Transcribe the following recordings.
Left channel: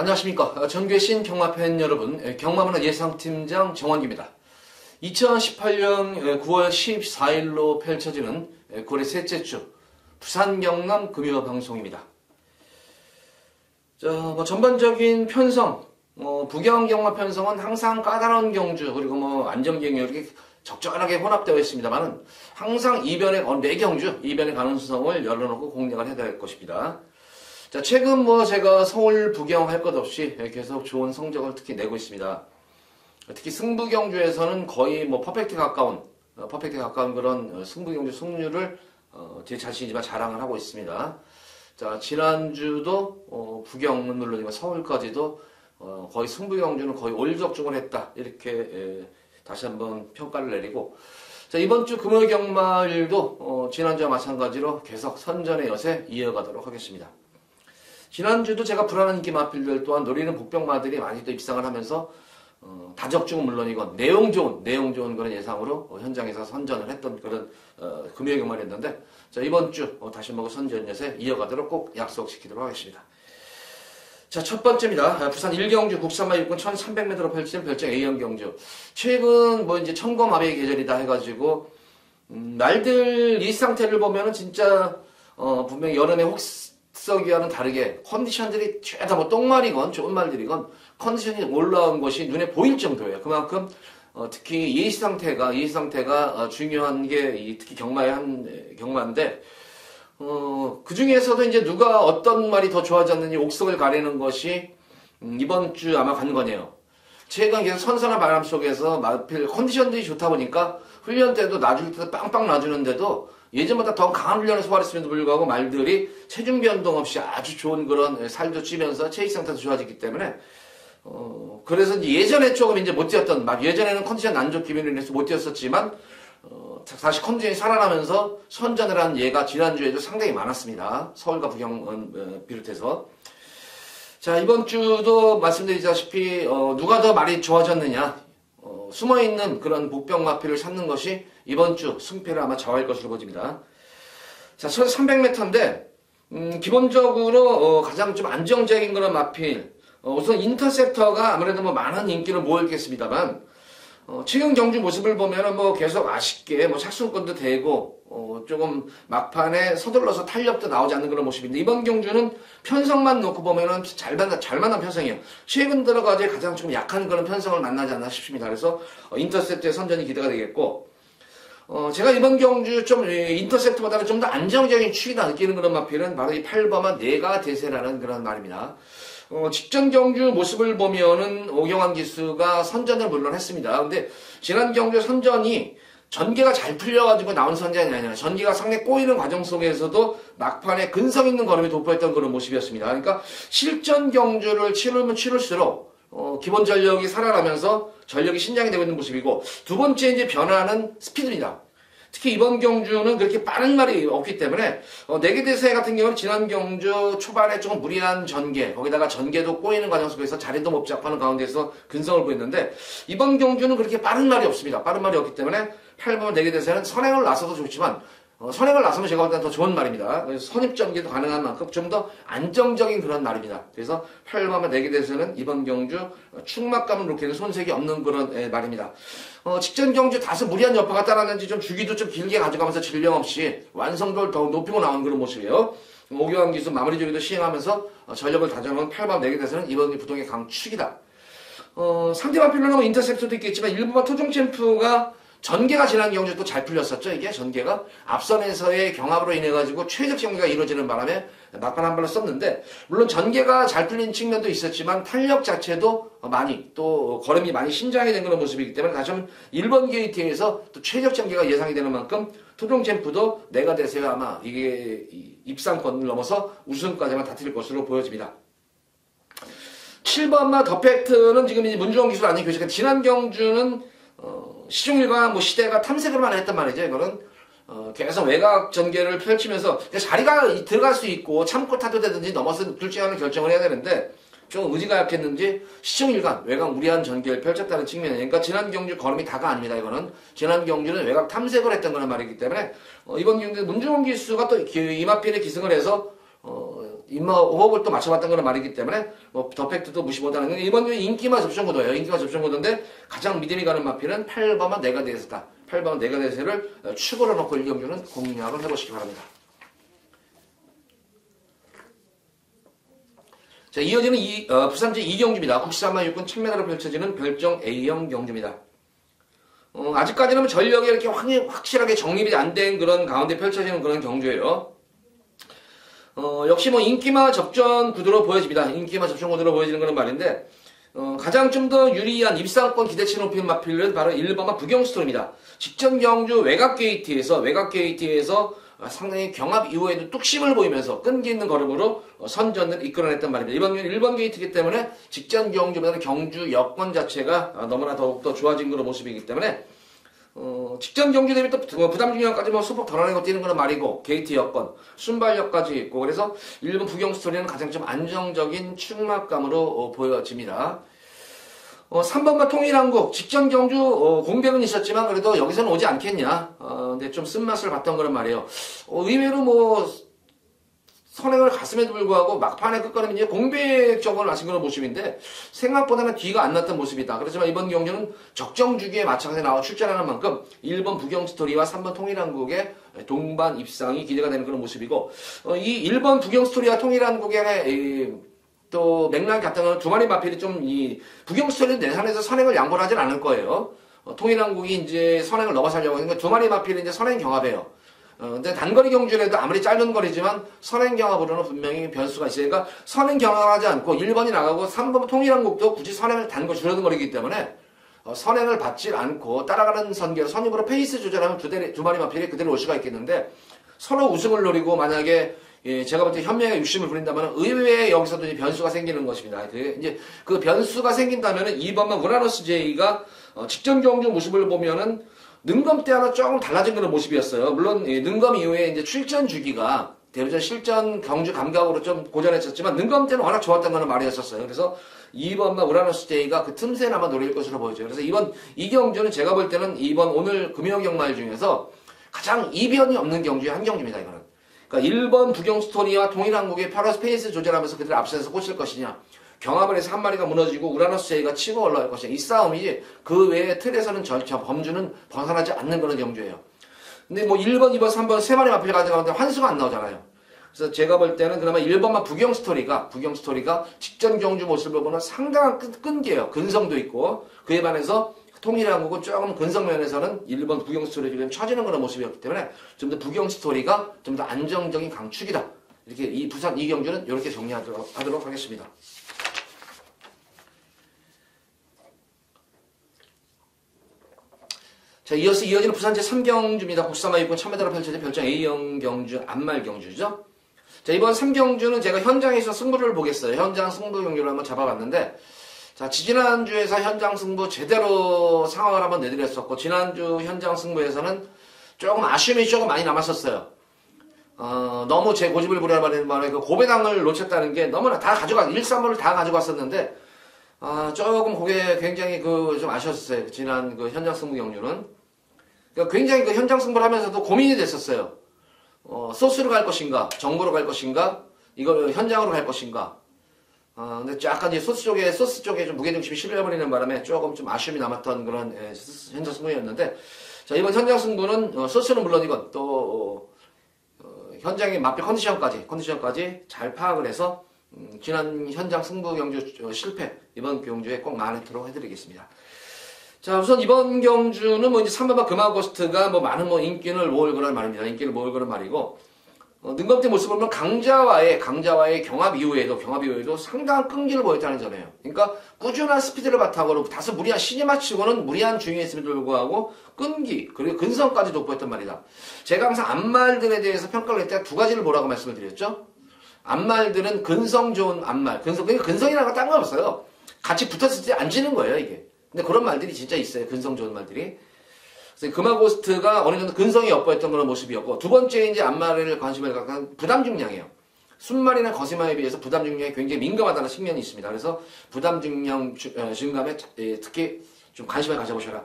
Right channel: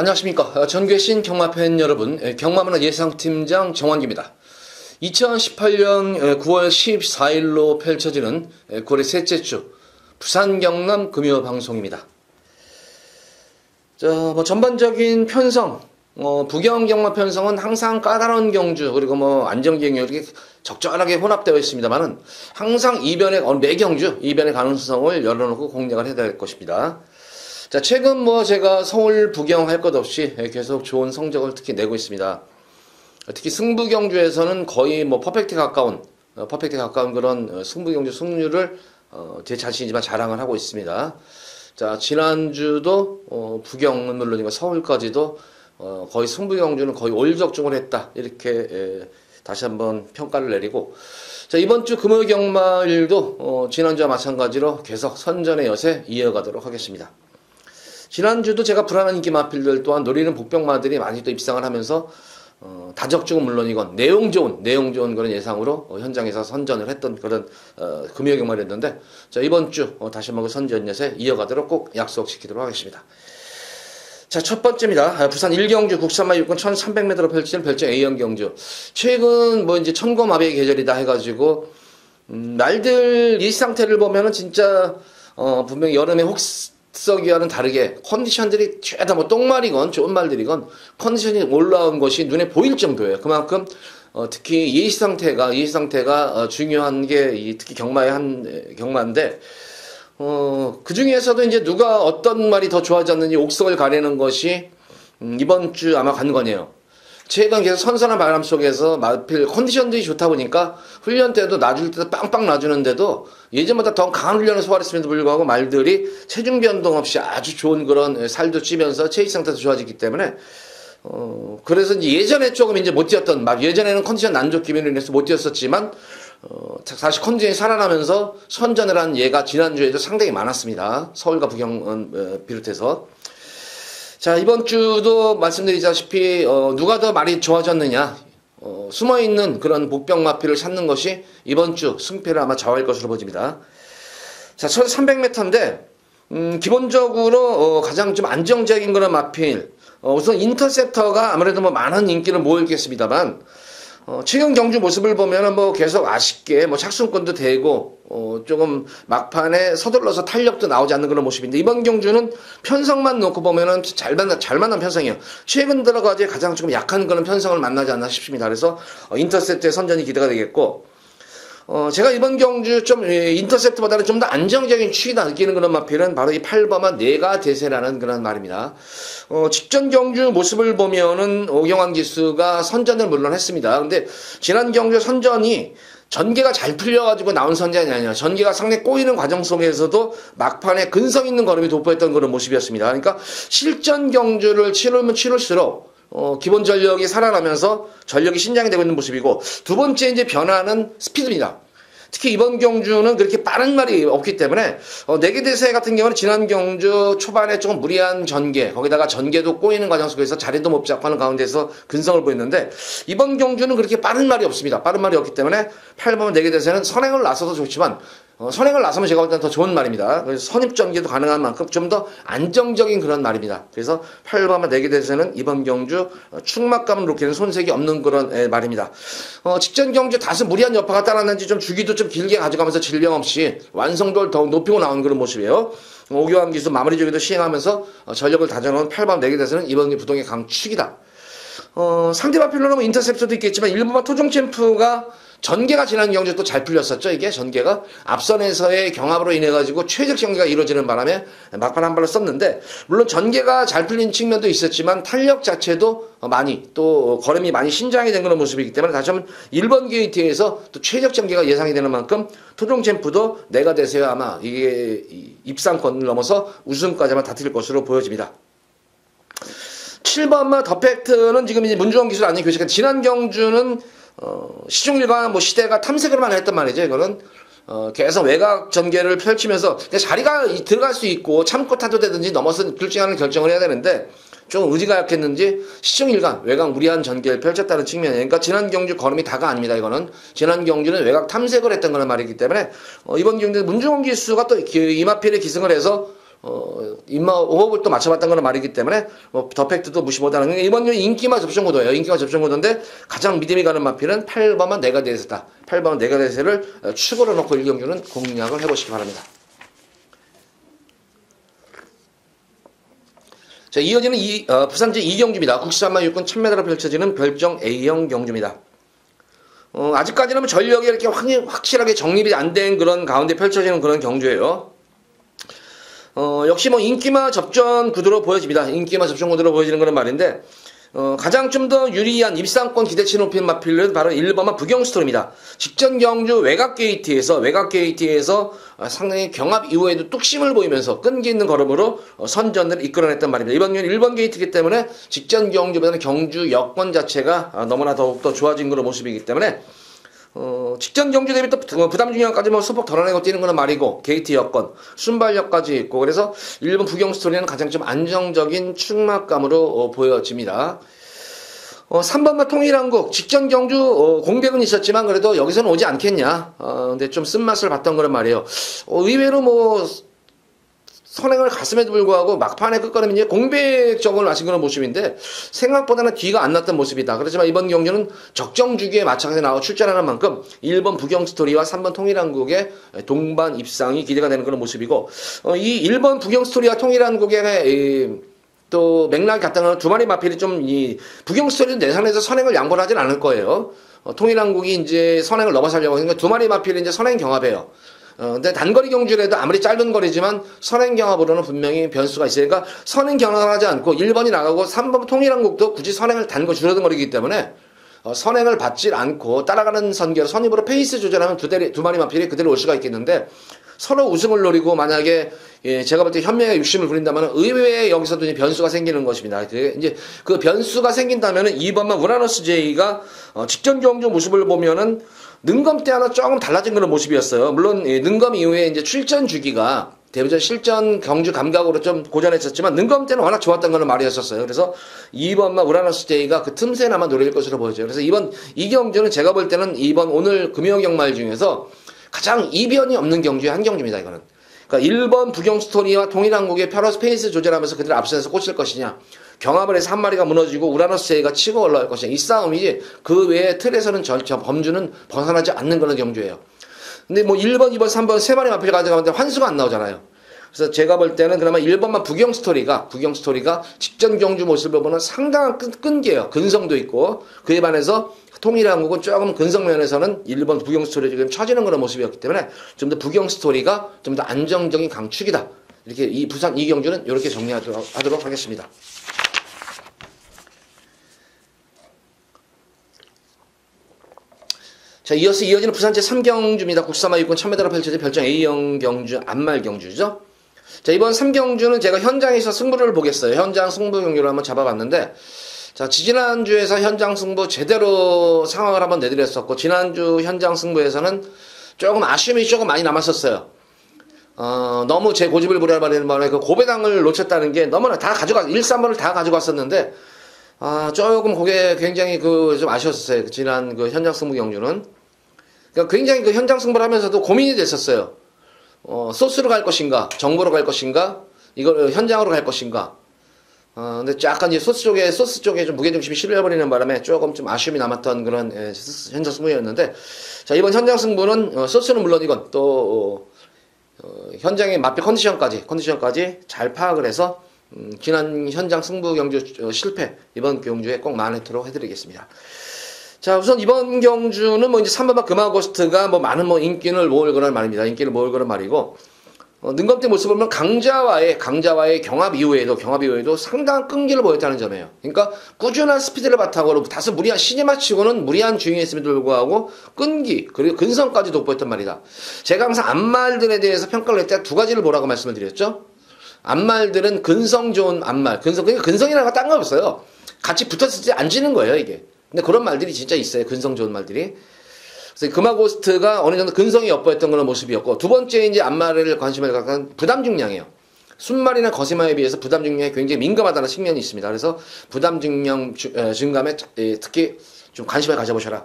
안녕하십니까. 전교신 경마팬 여러분, 경마문화 예상팀장 정원기입니다. 2018년 9월 14일로 펼쳐지는 9월의 셋째 주 부산 경남 금요 방송입니다. 전반적인 편성, 부경 경마 편성은 항상 까다로운 경주 그리고 안정적인 이렇게 적절하게 혼합되어 있습니다만은 항상 매 경주 이변의 가능성을 열어놓고 공략을 해야 될 것입니다. 자, 최근 제가 서울 부경 할 것 없이 계속 좋은 성적을 특히 내고 있습니다. 특히 승부 경주에서는 거의 퍼펙트에 가까운 그런 승부 경주 승률을 제 자신이지만 자랑을 하고 있습니다. 자, 지난주도 부경은 물론이고 서울까지도 거의 승부 경주는 거의 올적중을 했다. 이렇게 다시 한번 평가를 내리고, 자, 이번 주 금요 경마일도 지난주와 마찬가지로 계속 선전의 여세 이어가도록 하겠습니다. 지난주도 제가 불안한 인기 마필들 또한 노리는 복병마들이 많이 또 입상을 하면서 다적중은 물론이건 내용 좋은 그런 예상으로 현장에서 선전을 했던 그런 금요 경마였는데, 자, 이번 주 다시 한번 선전 여세 이어가도록 꼭 약속시키도록 하겠습니다. 자, 첫 번째입니다. 부산 1경주 국산마 육군 1300m로 펼치는 별정 A형 경주. 최근 이제 천고마비의 계절이다 해가지고 말들 이 상태를 보면은 진짜 분명히 여름에 혹서기와는 다르게 컨디션들이 죄다 똥말이건 좋은 말들이건 컨디션이 올라온 것이 눈에 보일 정도예요. 그만큼 특히 예시 상태가 중요한 게 특히 경마의 경마인데, 그 중에서도 이제 누가 어떤 말이 더 좋아졌는지 옥석을 가리는 것이 이번 주 아마 관건이에요. 최근 계속 선선한 바람 속에서 마필 컨디션들이 좋다 보니까 훈련 때도 놔줄 때도 빵빵 놔주는데도 예전보다 더 강한 훈련을 소화했음에도 불구하고 말들이 체중 변동 없이 아주 좋은 그런 살도 찌면서 체질 상태도 좋아지기 때문에 그래서 이제 예전에 조금 이제 못 뛰었던 예전에는 컨디션 난조 기면으로 인해서 못 뛰었었지만 다시 컨디션이 살아나면서 선전을 한 예가 지난주에도 상당히 많았습니다. 서울과 부경은 비롯해서. 자, 이번 주도 말씀드리다시피 누가 더 말이 좋아졌느냐, 숨어있는 그런 복병 마필을 찾는 것이 이번 주 승패를 아마 좌우할 것으로 보입니다. 자, 1300m인데 기본적으로 가장 좀 안정적인 그런 마필, 우선 인터셉터가 아무래도 많은 인기를 모으겠습니다만, 최근 경주 모습을 보면은 계속 아쉽게 착순권도 되고 조금 막판에 서둘러서 탄력도 나오지 않는 그런 모습인데, 이번 경주는 편성만 놓고 보면은 잘 만난 편성이에요. 최근 들어가지 가장 좀 약한 그런 편성을 만나지 않나 싶습니다. 그래서 인터셉트의 선전이 기대가 되겠고, 제가 이번 경주 좀 인터셉트보다는 좀 더 안정적인 추이다 느끼는 그런 마필은 바로 이 8번마 내가 대세라는 그런 말입니다. 직전 경주 모습을 보면은 오경환 기수가 선전을 물론 했습니다. 근데 지난 경주 선전이 전개가 잘 풀려가지고 나온 선전이 아니라 전개가 상당히 꼬이는 과정 속에서도 막판에 근성 있는 걸음이 돋보였던 그런 모습이었습니다. 그러니까 실전 경주를 치르면 치를수록 기본 전력이 살아나면서 전력이 신장이 되고 있는 모습이고, 두 번째 이제 변화는 스피드입니다. 특히 이번 경주는 그렇게 빠른 말이 없기 때문에 내기 대세 같은 경우는 지난 경주 초반에 조금 무리한 전개, 거기다가 전개도 꼬이는 과정 속에서 자리도 못 잡고 하는 가운데서 근성을 보였는데, 이번 경주는 그렇게 빠른 말이 없습니다. 빠른 말이 없기 때문에 8번 내기 대세는 선행을 나서도 좋지만 선행을 나서면 제가 볼 때는 더 좋은 말입니다. 그래서 선입전개도 가능한 만큼 좀 더 안정적인 그런 말입니다. 그래서 8번만 내기 대세는 이번 경주 축막감을 놓기는 손색이 없는 그런 말입니다. 직전 경주 다소 무리한 여파가 따랐는지 좀 주기도 좀 길게 가져가면서 질병 없이 완성도를 더욱 높이고 나오는 그런 모습이에요. 오교환 기수 마무리 조기도 시행하면서 전력을 다져놓은 8번 내기 대세는 이번 부동의 강축이다. 상대 마필로는 인터셉터도 있겠지만 일부만 토종 챔프가 전개가 지난 경주 또 잘 풀렸었죠. 이게 전개가 앞선에서의 경합으로 인해 가지고 최적 전개가 이루어지는 바람에 막판 한 발을 썼는데, 물론 전개가 잘 풀린 측면도 있었지만 탄력 자체도 많이 또 걸음이 많이 신장이 된 그런 모습이기 때문에 다시 한번 1번 게이트에서 또 최적 전개가 예상이 되는 만큼 토종 챔프도 내가 대세야 아마 이게 입상권을 넘어서 우승까지만 다툴 것으로 보여집니다. 7번마 더팩트는 지금 이제 문주원 기술 아닌 교체가 지난 경주는 시종일관 시대가 탐색을만 했단 말이죠. 이거는 계속 외곽 전개를 펼치면서 자리가 들어갈 수 있고 참고 타도 되든지 넘어서 둘 중에 하나를 결정을 해야 되는데, 좀 의지가 약했는지 시종일관 외곽 무리한 전개를 펼쳤다는 측면이에요. 그러니까 지난 경주 걸음이 다가 아닙니다. 이거는 지난 경주는 외곽 탐색을 했던 거란 말이기 때문에 이번 경주 문주원 기수가 또 이마필에 기승을 해서 호흡을 또 맞춰봤던 거는 말이기 때문에 더 팩트도 무시 못하는 이번 인기마 접종구도예요. 인기마 접종구도인데 가장 믿음이 가는 마필은 8번만 네가데이스다. 8번 네가데이스를 축으로 놓고 1경주는 공략을 해보시기 바랍니다. 자, 이어지는 부산제 2경주입니다. 국시산마 육군 1000m로 펼쳐지는 별정 A형 경주입니다. 아직까지는 전력이 이렇게 확실하게 정립이 안 된 그런 가운데 펼쳐지는 그런 경주예요. 역시 인기마 접전 구도로 보여집니다. 인기마 접전 구도로 보여지는 그런 말인데, 가장 좀 더 유리한 입상권 기대치 높인 마필은 바로 1번마 부경스톨입니다. 직전 경주 외곽 게이트에서 상당히 경합 이후에도 뚝심을 보이면서 끈기 있는 걸음으로 선전을 이끌어냈단 말입니다. 이번 경주는 1번 게이트이기 때문에 직전 경주보다는 경주 여건 자체가 너무나 더욱더 좋아진 그런 모습이기 때문에 직전 경주 대비 또 부담 중량까지 소폭 덜어내고 뛰는 건 말이고 게이트 여건, 순발력까지 있고 그래서 1번 부경 스토리는 가장 좀 안정적인 충막감으로 보여집니다. 3번만 통일한국 직전 경주 공백은 있었지만 그래도 여기서는 오지 않겠냐. 근데 좀 쓴맛을 봤던 거란 말이에요. 의외로 선행을 갔음에도 불구하고 막판에 끝걸음이 이제 공백적을 하신 그런 모습인데 생각보다는 뒤가 안 났던 모습이다. 그렇지만 이번 경주는 적정 주기에 맞춰서 나와 출전하는 만큼 1번 부경스토리와 3번 통일한국의 동반 입상이 기대가 되는 그런 모습이고 이 1번 부경스토리와 통일한국의 또 맥락이 같은 건 두 마리 마필이 좀 부경스토리는 내선에서 선행을 양보를 하진 않을 거예요. 통일한국이 이제 선행을 넘어서려고 하니까 두 마리 마필이 이제 선행 경합해요. 근데 단거리 경주라도 아무리 짧은 거리지만 선행 경합으로는 분명히 변수가 있으니까 선행 경합을 하지 않고 1번이 나가고 3번 통일한국도 굳이 선행을 단거 줄어든 거리기 때문에 선행을 받지 않고 따라가는 선계로 선입으로 페이스 조절하면 두 마리 마필이 그대로 올 수가 있겠는데 서로 우승을 노리고 만약에 제가 볼 때 현명의 욕심을 부린다면 의외에 여기서도 이제 변수가 생기는 것입니다. 이제 그 변수가 생긴다면은 2번만 우라노스 J가 직전 경주 모습을 보면은 능검 때와는 조금 달라진 그런 모습이었어요. 물론 능검 이후에 이제 출전 주기가 대부분 실전 경주 감각으로 좀 고전했었지만 능검 때는 워낙 좋았던 거는 말이었었어요. 그래서 2번만 우라노스 J가 그 틈새나마 노릴 것으로 보여져요. 그래서 이 경주는 제가 볼 때는 이번 오늘 금요 경말 중에서 가장 이변이 없는 경주의 한 경주입니다. 이거는. 그러니까 1번 부경스토리와 통일한국의 페러스 페이스 조절하면서 그들 앞선에서 꽂힐 것이냐, 경합을 해서 한 마리가 무너지고 우라노스 J가 치고 올라갈 것이냐, 이 싸움이지 그 외의 틀에서는 범주는 벗어나지 않는 그런 경주예요. 근데 1번, 2번, 3번 세 마리 마필 가져가는데 환수가 안 나오잖아요. 그래서 제가 볼 때는 그나마 1번만 부경스토리가 직전 경주 모습을 보면 상당한 끈기예요. 근성도 있고 그에 반해서 통일한국은 조금 근성 면에서는 1번 부경스토리 지금 처지는 그런 모습이었기 때문에 좀 더 부경스토리가 좀 더 안정적인 강축이다. 이렇게 이 부산 이경주는 이렇게 정리하도록 하겠습니다. 자, 이어지는 부산 제3경주입니다. 국사마 육군 1000m로 펼쳐진 별정 A형 경주, 안말 경주죠. 자, 이번 3경주는 제가 현장에서 승부를 보겠어요. 현장 승부 경주를 한번 잡아봤는데, 자, 지난주에서 현장 승부 제대로 상황을 한번 내드렸었고, 지난주 현장 승부에서는 조금 아쉬움이 조금 많이 남았었어요. 너무 제 고집을 부리는 바람에 그 고배당을 놓쳤다는 게 너무나 1, 3번을 다 가지고 왔었는데, 조금 그게 굉장히 좀 아쉬웠어요. 지난 그 현장 승부 경주는. 그러니까 굉장히 그 현장 승부를 하면서도 고민이 됐었어요. 소스로 갈 것인가, 정보로 갈 것인가, 이걸 현장으로 갈 것인가. 근데 약간 이제 소스 쪽에 좀 무게중심이 실려버리는 바람에 조금 좀 아쉬움이 남았던 그런 현장 승부였는데, 자, 이번 현장 승부는 소스는 물론이건 또 현장의 마필 컨디션까지 잘 파악을 해서 지난 현장 승부 경주 실패 이번 경주에 꼭 만회토록 해드리겠습니다. 자, 우선 이번 경주는 이제 3번마 금화고스트가 많은 인기를 모을 거란 말입니다. 인기를 모을 거란 말이고, 능검대 모습을 보면 강자와의 경합 이후에도 상당한 끈기를 보였다는 점이에요. 그러니까 꾸준한 스피드를 바탕으로 다소 무리한 시니마치고는 무리한 주행했음에도 불구하고 끈기 그리고 근성까지 돋보였단 말이다. 제가 항상 앞말들에 대해서 평가를 할 때 두 가지를 보라고 말씀을 드렸죠. 앞말들은 근성 좋은 앞말, 근성이라는 거 딴 거 없어요. 같이 붙었을 때 안 지는 거예요, 이게. 근데 그런 말들이 진짜 있어요. 근성 좋은 말들이. 그래서 금화고스트가 어느 정도 근성이 엿보였던 그런 모습이었고, 두 번째 이제 앞말을 관심을 갖는 부담 중량이에요. 순말이나 거세마에 비해서 부담 중량이 굉장히 민감하다는 측면이 있습니다. 그래서 부담 중량 증감에 특히 좀 관심을 가져보셔라.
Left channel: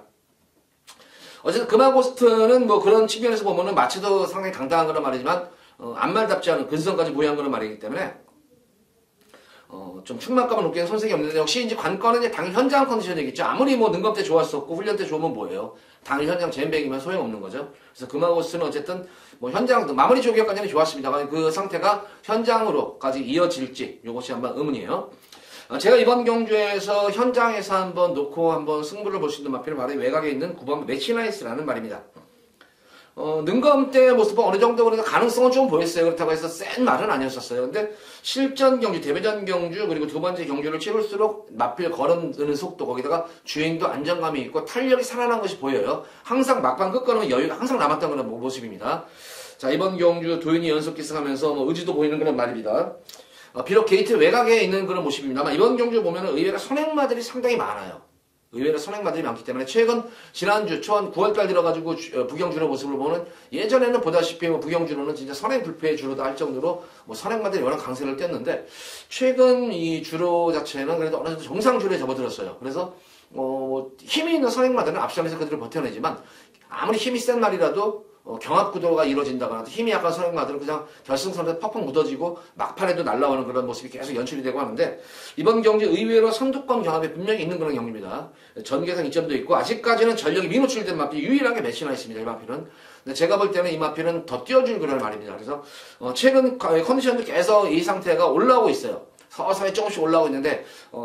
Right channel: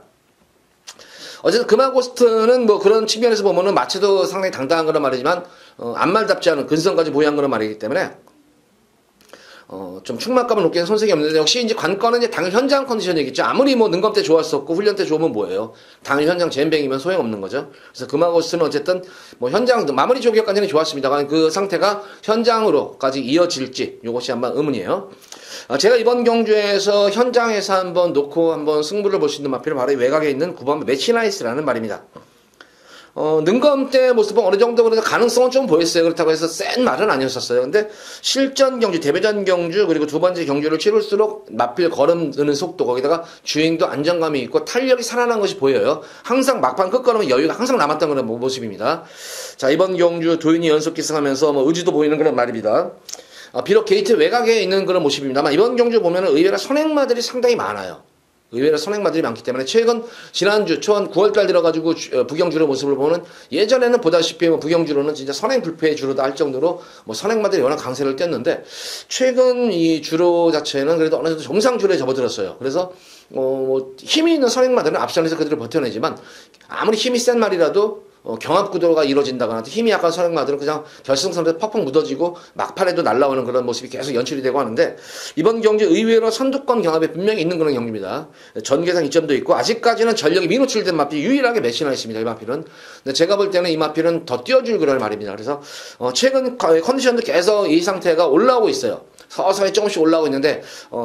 어쨌든 금화고스트는 그런 측면에서 보면은 마체도 상당히 당당한 그런 말이지만 앞말답지 않은 근성까지 보유한 그런 말이기 때문에 좀 충만감은 높게 손색이 없는데 역시 이제 관건은 이제 당일 현장 컨디션이겠죠. 아무리 뭐 능검 때 좋았었고 훈련 때 좋으면 뭐예요. 당일 현장 잼뱅이면 소용없는 거죠. 그래서 금화고스는 어쨌든 뭐 현장 마무리 조기까지는 좋았습니다만 그 상태가 현장으로까지 이어질지 이것이 한번 의문이에요. 제가 이번 경주에서 현장에서 한번 놓고 한번 승부를 볼 수 있는 마필은 바로 외곽에 있는 9번 매치나이스라는 말입니다. 능검 때 모습은 어느 정도 그래도 가능성은 좀 보였어요. 그렇다고 해서 센 말은 아니었었어요. 근데 실전 경주, 대회전 경주, 그리고 두 번째 경주를 치를수록 마필 걸음드는 속도, 거기다가 주행도 안정감이 있고 탄력이 살아난 것이 보여요. 항상 막판 끝걸음은 여유가 항상 남았던 그런 모습입니다. 자, 이번 경주 도윤이 연속 기승하면서 뭐 의지도 보이는 그런 말입니다. 비록 게이트 외곽에 있는 그런 모습입니다만 이번 경주 보면 의외로 선행마들이 상당히 많아요. 의외로 선행마들이 많기 때문에 최근 지난주 초한 9월달 들어가지고 부경주의 모습을 보는 예전에는 보다시피 뭐 부경주로는 진짜 선행 불패의 주로다 할 정도로 뭐 선행마들이 워낙 강세를 띄었는데 최근 이 주로 자체는 그래도 어느 정도 정상 주로에 접어들었어요. 그래서 뭐 힘이 있는 선행마들은 앞선에서 그들을 버텨내지만 아무리 힘이 센 말이라도 경합 구도가 이루어진다거나 힘이 약한 선행마들은 그냥 결승선에서 퍽퍽 묻어지고 막판에도 날아오는 그런 모습이 계속 연출이 되고 하는데 이번 경주 의외로 선두권 경합에 분명히 있는 그런 경주입니다. 전개상 이점도 있고 아직까지는 전력이 미노출된 마필이 유일하게 매치나 있습니다. 이 마필은. 근데 제가 볼 때는 이 마필은 더 뛰어줄 그런 말입니다. 그래서 최근 컨디션도 계속 이 상태가 올라오고 있어요. 서서히 조금씩 올라오고 있는데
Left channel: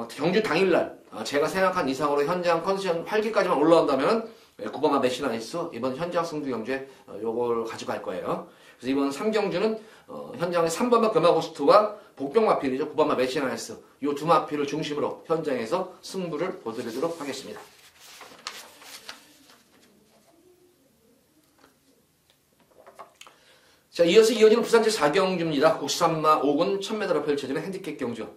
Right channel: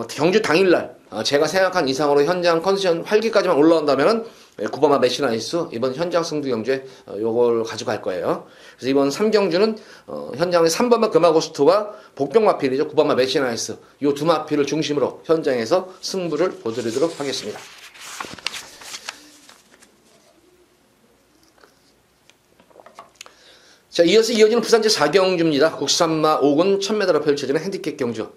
경주 당일날 제가 생각한 이상으로 현장 컨디션 활기까지만 올라온다면은 9번마 매치나이스 이번 현장 승부 경주에 요걸 가져갈 거예요. 그래서 이번 3경주는 현장의 3번마 금화고스트와 복병마필이죠. 9번마 매치나이스 요 두 마필을 중심으로 현장에서 승부를 보여드리도록 하겠습니다. 자, 이어서 이어지는 부산제 4경주입니다. 국산마 5군 1000m로 펼쳐지는 핸디캡 경주.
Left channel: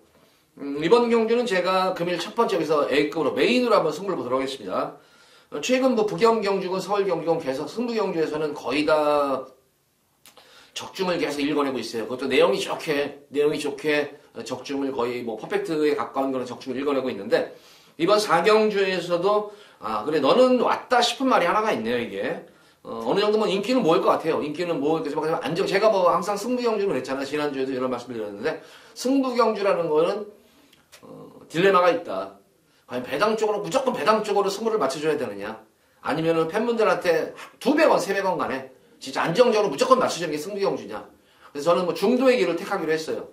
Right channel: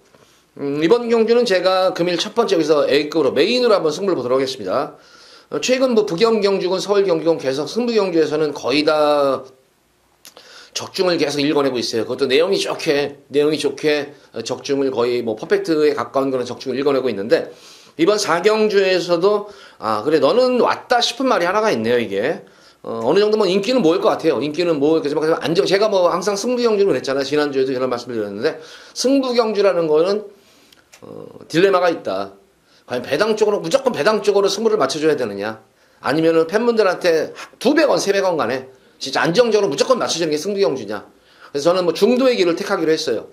이번 경주는 제가 금일 첫 번째 여기서 A급으로 메인으로 한번 승부를 보도록 하겠습니다. 최근 뭐 부경 경주군, 서울 경주군 계속 승부 경주에서는 거의 다 적중을 계속 읽어내고 있어요. 그것도 내용이 좋게 적중을 거의 뭐 퍼펙트에 가까운 그런 적중을 읽어내고 있는데 이번 4경주에서도 그래 너는 왔다 싶은 말이 하나가 있네요. 이게 어느 정도 뭐 인기는 모을 것 같아요. 인기는 모을 거지만 제가 뭐 항상 승부 경주를 했잖아요. 지난주에도 이런 말씀을 드렸는데 승부 경주라는 거는 딜레마가 있다. 과연 배당 쪽으로 무조건 배당 쪽으로 승부를 맞춰줘야 되느냐 아니면은 팬분들한테 200원 300원 간에 진짜 안정적으로 무조건 맞춰주는 게 승부 경주냐. 그래서 저는 뭐 중도의 길을 택하기로 했어요.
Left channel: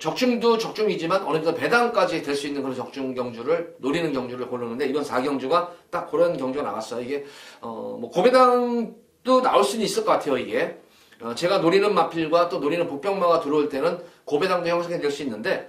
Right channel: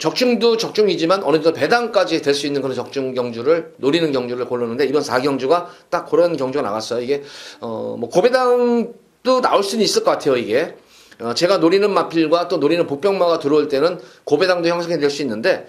적중도 적중이지만 어느 정도 배당까지 될 수 있는 그런 적중 경주를 노리는 경주를 고르는데 이번 4경주가 딱 그런 경주가 나갔어요. 이게 뭐 고배당도 나올 수는 있을 것 같아요. 이게 제가 노리는 마필과 또 노리는 복병마가 들어올 때는 고배당도 형성이 될 수 있는데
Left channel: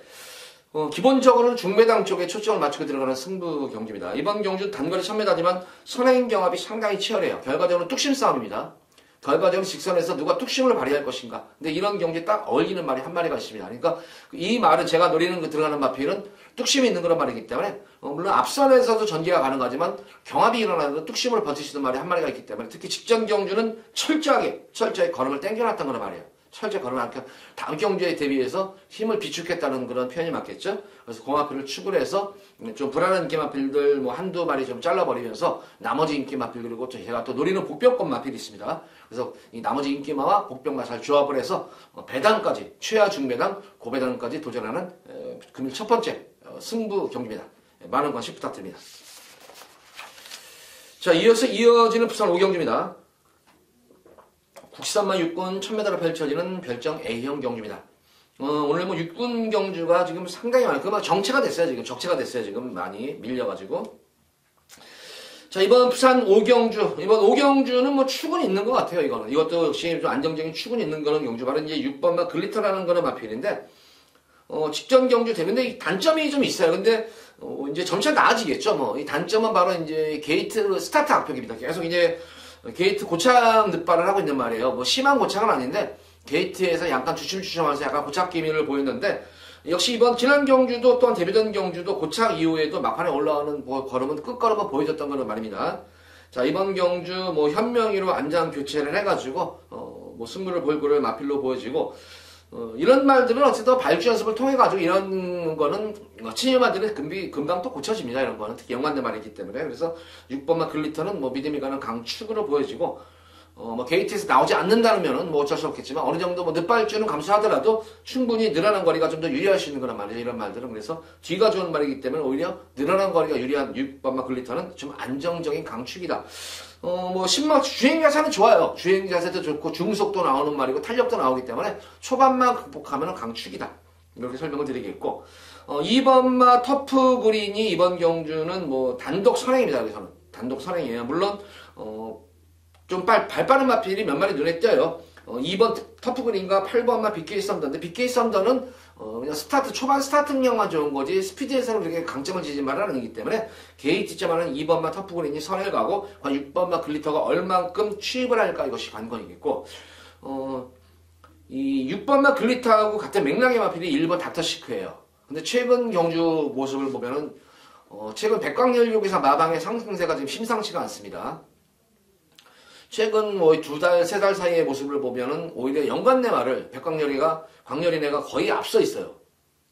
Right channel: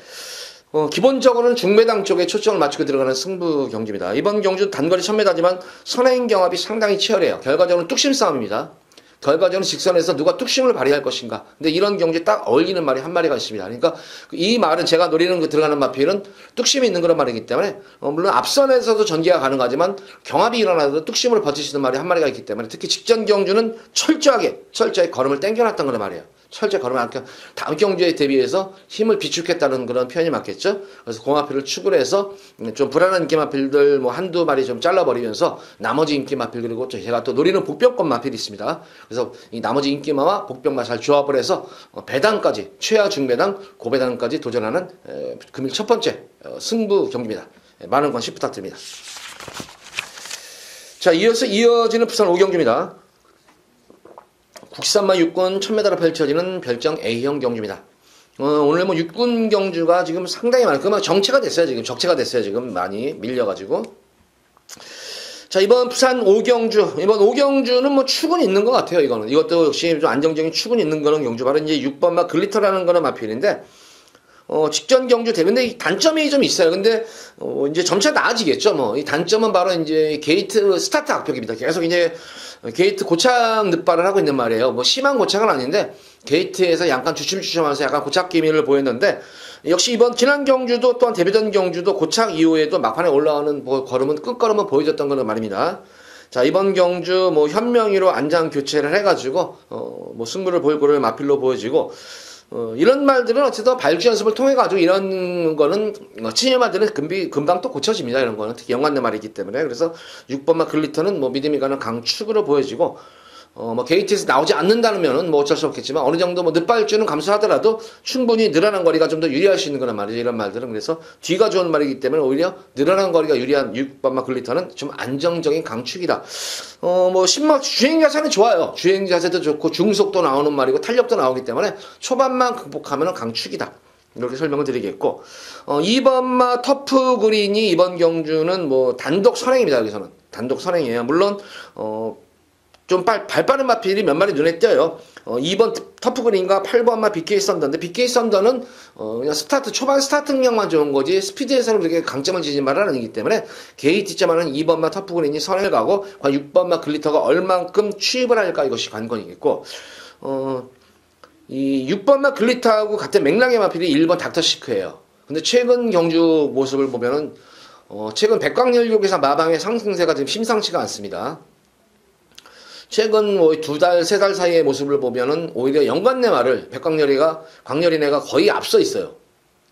기본적으로는 중배당 쪽에 초점을 맞추고 들어가는 승부 경주입니다. 이번 경주 단거리 1000m지만 선행 경합이 상당히 치열해요. 결과적으로는 뚝심 싸움입니다. 결과적으로 직선에서 누가 뚝심을 발휘할 것인가. 근데 이런 경주에 딱 어울리는 말이 한 마리가 있습니다. 그러니까 이 말은 제가 노리는 그 들어가는 마필은 뚝심이 있는 그런 말이기 때문에 물론 앞선에서도 전개가 가능하지만 경합이 일어나도 뚝심을 버티시는 말이 한 마리가 있기 때문에 특히 직전 경주는 철저하게 걸음을 땡겨놨던 그런 말이에요. 철저히 걸음을 안겨 다음 경주에 대비해서 힘을 비축했다는 그런 표현이 맞겠죠. 그래서 공마필을 축을 해서 좀 불안한 인기마필들 뭐 한두 마리 좀 잘라버리면서 나머지 인기마필 그리고 제가 또 노리는 복병권 마필이 있습니다. 그래서 이 나머지 인기마와 복병과 잘 조합을 해서 배당까지 최하 중배당 고배당까지 도전하는 금일 첫 번째 승부 경기입니다. 많은 관심 부탁드립니다. 자, 이어서 이어지는 부산 5경주입니다. 국산마 6군 1000m로 펼쳐지는 별정 A형 경주입니다. 오늘 뭐 6군 경주가 지금 상당히 많아요. 그만 정체가 됐어요. 지금 많이 밀려가지고. 자, 이번 부산 5경주. 이번 5경주는 뭐 축은 있는 것 같아요. 이것도 역시 좀 안정적인 축은 있는 거는 경주. 바로 이제 6번마 글리터라는 거는 마필인데, 직전 경주 대회인데 단점이 좀 있어요. 근데 이제 점차 나아지겠죠. 뭐 이 단점은 바로 이제 게이트 스타트 악벽입니다. 계속 이제 게이트 고착 늑발을 하고 있는 말이에요. 뭐 심한 고착은 아닌데 게이트에서 약간 주춤주춤하면서 약간 고착 기미를 보였는데 역시 이번 지난 경주도 또한 대배전 경주도 고착 이후에도 막판에 올라오는 걸음은 끝걸음은 보여줬던 거는 말입니다. 자, 이번 경주 뭐 현명히로 안장 교체를 해가지고 뭐 승부를 보일 거를 마필로 보여지고 이런 말들은 어쨌든 발주 연습을 통해 가지고 이런 거는 치유마들은 금방 또 고쳐집니다. 이런 거는 특히 연관된 말이기 때문에 그래서 6번마 글리터는 뭐 믿음이 가는 강축으로 보여지고 뭐 게이트에서 나오지 않는다면은 뭐 어쩔 수 없겠지만 어느 정도 뭐 늦발주는 감수하더라도 충분히 늘어난 거리가 좀 더 유리할 수 있는 거란 말이죠. 이런 말들은. 그래서 뒤가 좋은 말이기 때문에 오히려 늘어난 거리가 유리한 6번마 글리터는 좀 안정적인 강축이다. 뭐 주행 자세는 좋아요. 주행 자세도 좋고 중속도 나오는 말이고 탄력도 나오기 때문에 초반만 극복하면 강축이다. 이렇게 설명을 드리겠고 2번마 터프 그린이 이번 경주는 뭐 단독 선행입니다. 여기서는 단독 선행이에요. 물론 좀 발빠른 마필이 몇 마리 눈에 띄어요. 2번 터프 그린과 8번마 BK 썬더인데 BK 썬더는 그냥 초반 스타트 능력만 좋은 거지 스피드에서는 그렇게 강점을 지진 말은 아니기 때문에 게이트점하는 2번마 터프 그린이 선을 가고 6번마 글리터가 얼만큼 취입을 할까 이것이 관건이겠고 이 6번마 글리터하고 같은 맥락의 마필이 1번 닥터시크예요. 근데 최근 경주 모습을 보면은 최근 백광열교에서 마방의 상승세가 지금 심상치가 않습니다. 최근 뭐 2달, 3달 사이의 모습을 보면은 오히려 연관내 말을 광열이네가 거의 앞서 있어요.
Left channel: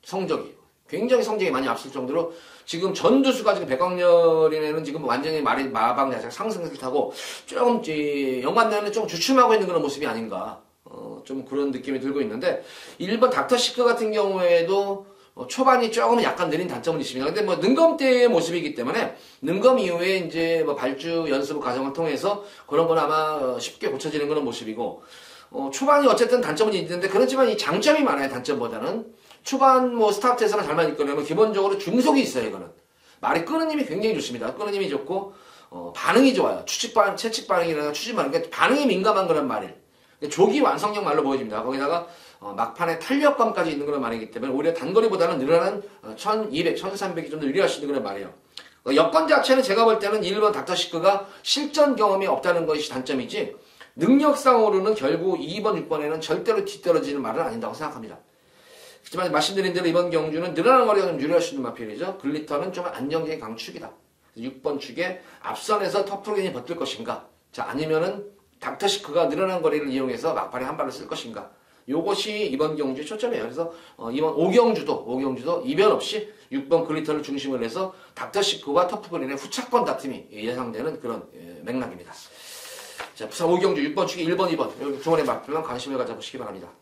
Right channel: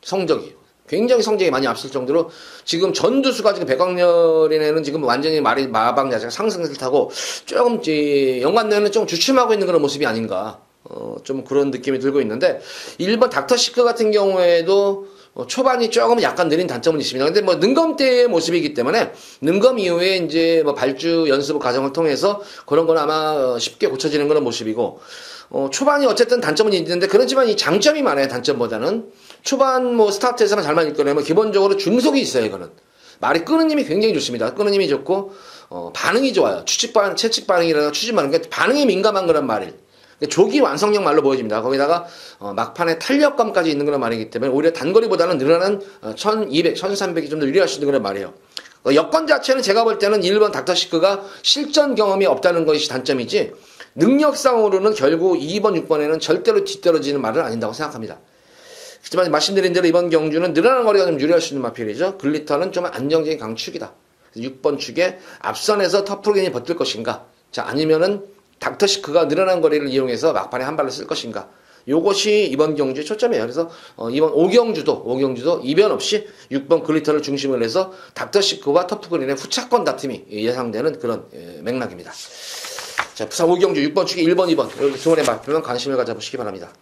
성적이. 굉장히 성적이 많이 앞설 정도로 지금 전두수가 지금 백광열이네는 지금 완전히 마방 자체가 상승세를 타고 조금 연관내는 좀 주춤하고 있는 그런 모습이 아닌가. 좀 그런 느낌이 들고 있는데 1번 닥터시크 같은 경우에도 초반이 조금 약간 느린 단점은 있습니다. 근데 뭐 능검 때의 모습이기 때문에 능검 이후에 이제 뭐 발주 연습 과정을 통해서 그런 건 아마 쉽게 고쳐지는 그런 모습이고 초반이 어쨌든 단점은 있는데 그렇지만 이 장점이 많아요. 단점보다는 초반 뭐 스타트에서만 잘만 이끌어내면 기본적으로 중속이 있어요. 이거는 말이 끄는 힘이 굉장히 좋습니다. 끄는 힘이 좋고 반응이 좋아요. 채찍 반응이라든가 추진 반응, 그러니까 반응이 민감한 그런 말이 조기 완성형 말로 보여집니다. 거기다가 막판에 탄력감까지 있는 그런 말이기 때문에 오히려 단거리보다는 늘어난 1200, 1300이 좀 더 유리할 수 있는 그런 말이에요. 여건 자체는 제가 볼 때는 1번 닥터시크가 실전 경험이 없다는 것이 단점이지 능력상으로는 결국 2번, 6번에는 절대로 뒤떨어지는 말은 아닌다고 생각합니다. 하지만 말씀드린 대로 이번 경주는 늘어난 거리가 좀 유리할 수 있는 마필이죠. 글리터는 좀 안정적인 강축이다. 6번 축에 앞선에서 터프그린이 버틸 것인가? 자, 아니면은 닥터시크가 늘어난 거리를 이용해서 막판에 한 발을 쓸 것인가? 요것이 이번 경주의 초점이에요. 그래서 이번 5경주도 이변 없이 6번 글리터를 중심으로 해서 닥터시크와 터프그린의 후차권 다툼이 예상되는 그런 맥락입니다. 자, 부산 5경주 6번 축에 1번, 2번 두 번의 마필만 관심을 가져보시기 바랍니다.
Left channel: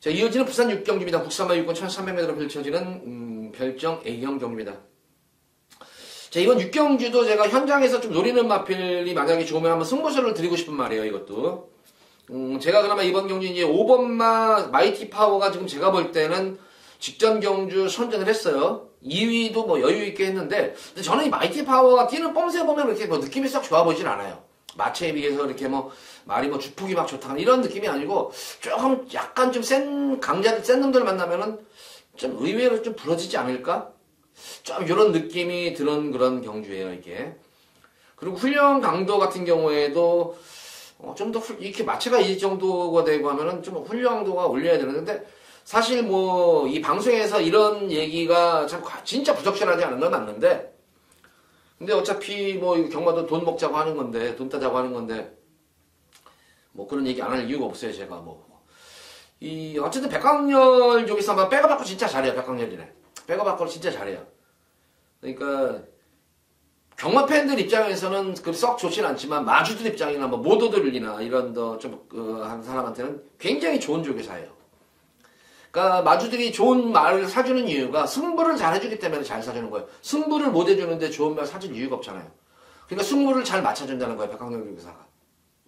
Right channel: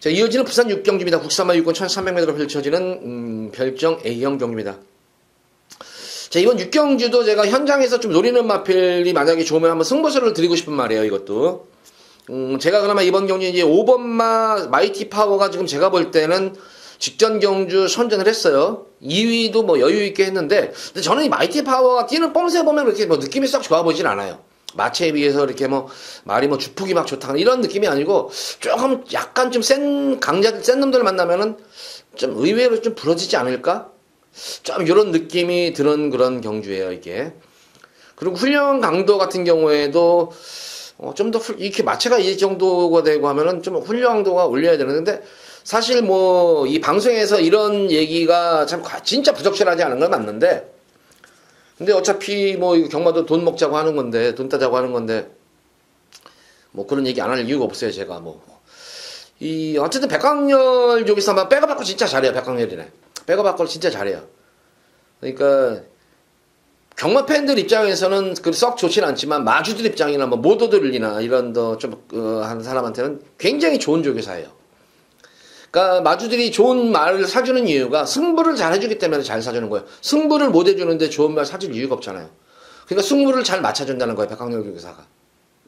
자, 이어지는 부산 6경주입니다. 국산마 6권 1300m로 펼쳐지는 별정 A형 경주입니다. 자, 이번 6경주도 제가 현장에서 좀 노리는 마필이 만약에 좋으면 한번 승부수를 드리고 싶은 말이에요, 이것도. 제가 그나마 이번 경주 이제 5번마 마이티 파워가 지금 제가 볼 때는 직전 경주 선전을 했어요. 2위도 뭐 여유있게 했는데, 근데 저는 이 마이티 파워가 뛰는 뽐새 보면 이렇게 뭐 느낌이 싹 좋아 보이진 않아요. 마체에 비해서 이렇게 뭐, 말이 뭐 주폭이 막 좋다, 이런 느낌이 아니고, 조금 약간 좀 센 놈들을 만나면은 좀 의외로 좀 부러지지 않을까? 좀 이런 느낌이 드는 그런 경주예요, 이게. 그리고 훈련 강도 같은 경우에도 좀 더 이렇게 마체가 이 정도가 되고 하면은 좀 훈련 강도가 올려야 되는데 사실 뭐 이 방송에서 이런 얘기가 참 진짜 부적절하지 않은 건 맞는데 근데 어차피 뭐 경마도 돈 먹자고 하는 건데 돈 따자고 하는 건데 뭐 그런 얘기 안 할 이유가 없어요, 제가 뭐. 어쨌든 백광열 여기서 한번 백업받고 진짜 잘해요, 백광열이네. 백업받고 진짜 잘해요. 그러니까 경마 팬들 입장에서는 썩 좋진 않지만 마주들 입장이나 뭐 모도들이나 이런 더 좀 하는 사람한테는 굉장히 좋은 조교사예요. 그러니까 마주들이 좋은 말을 사주는 이유가 승부를 잘 해주기 때문에 잘 사주는 거예요. 승부를 못 해주는데 좋은 말 사줄 이유가 없잖아요. 그러니까 승부를 잘 맞춰준다는 거예요, 백광열 조교사가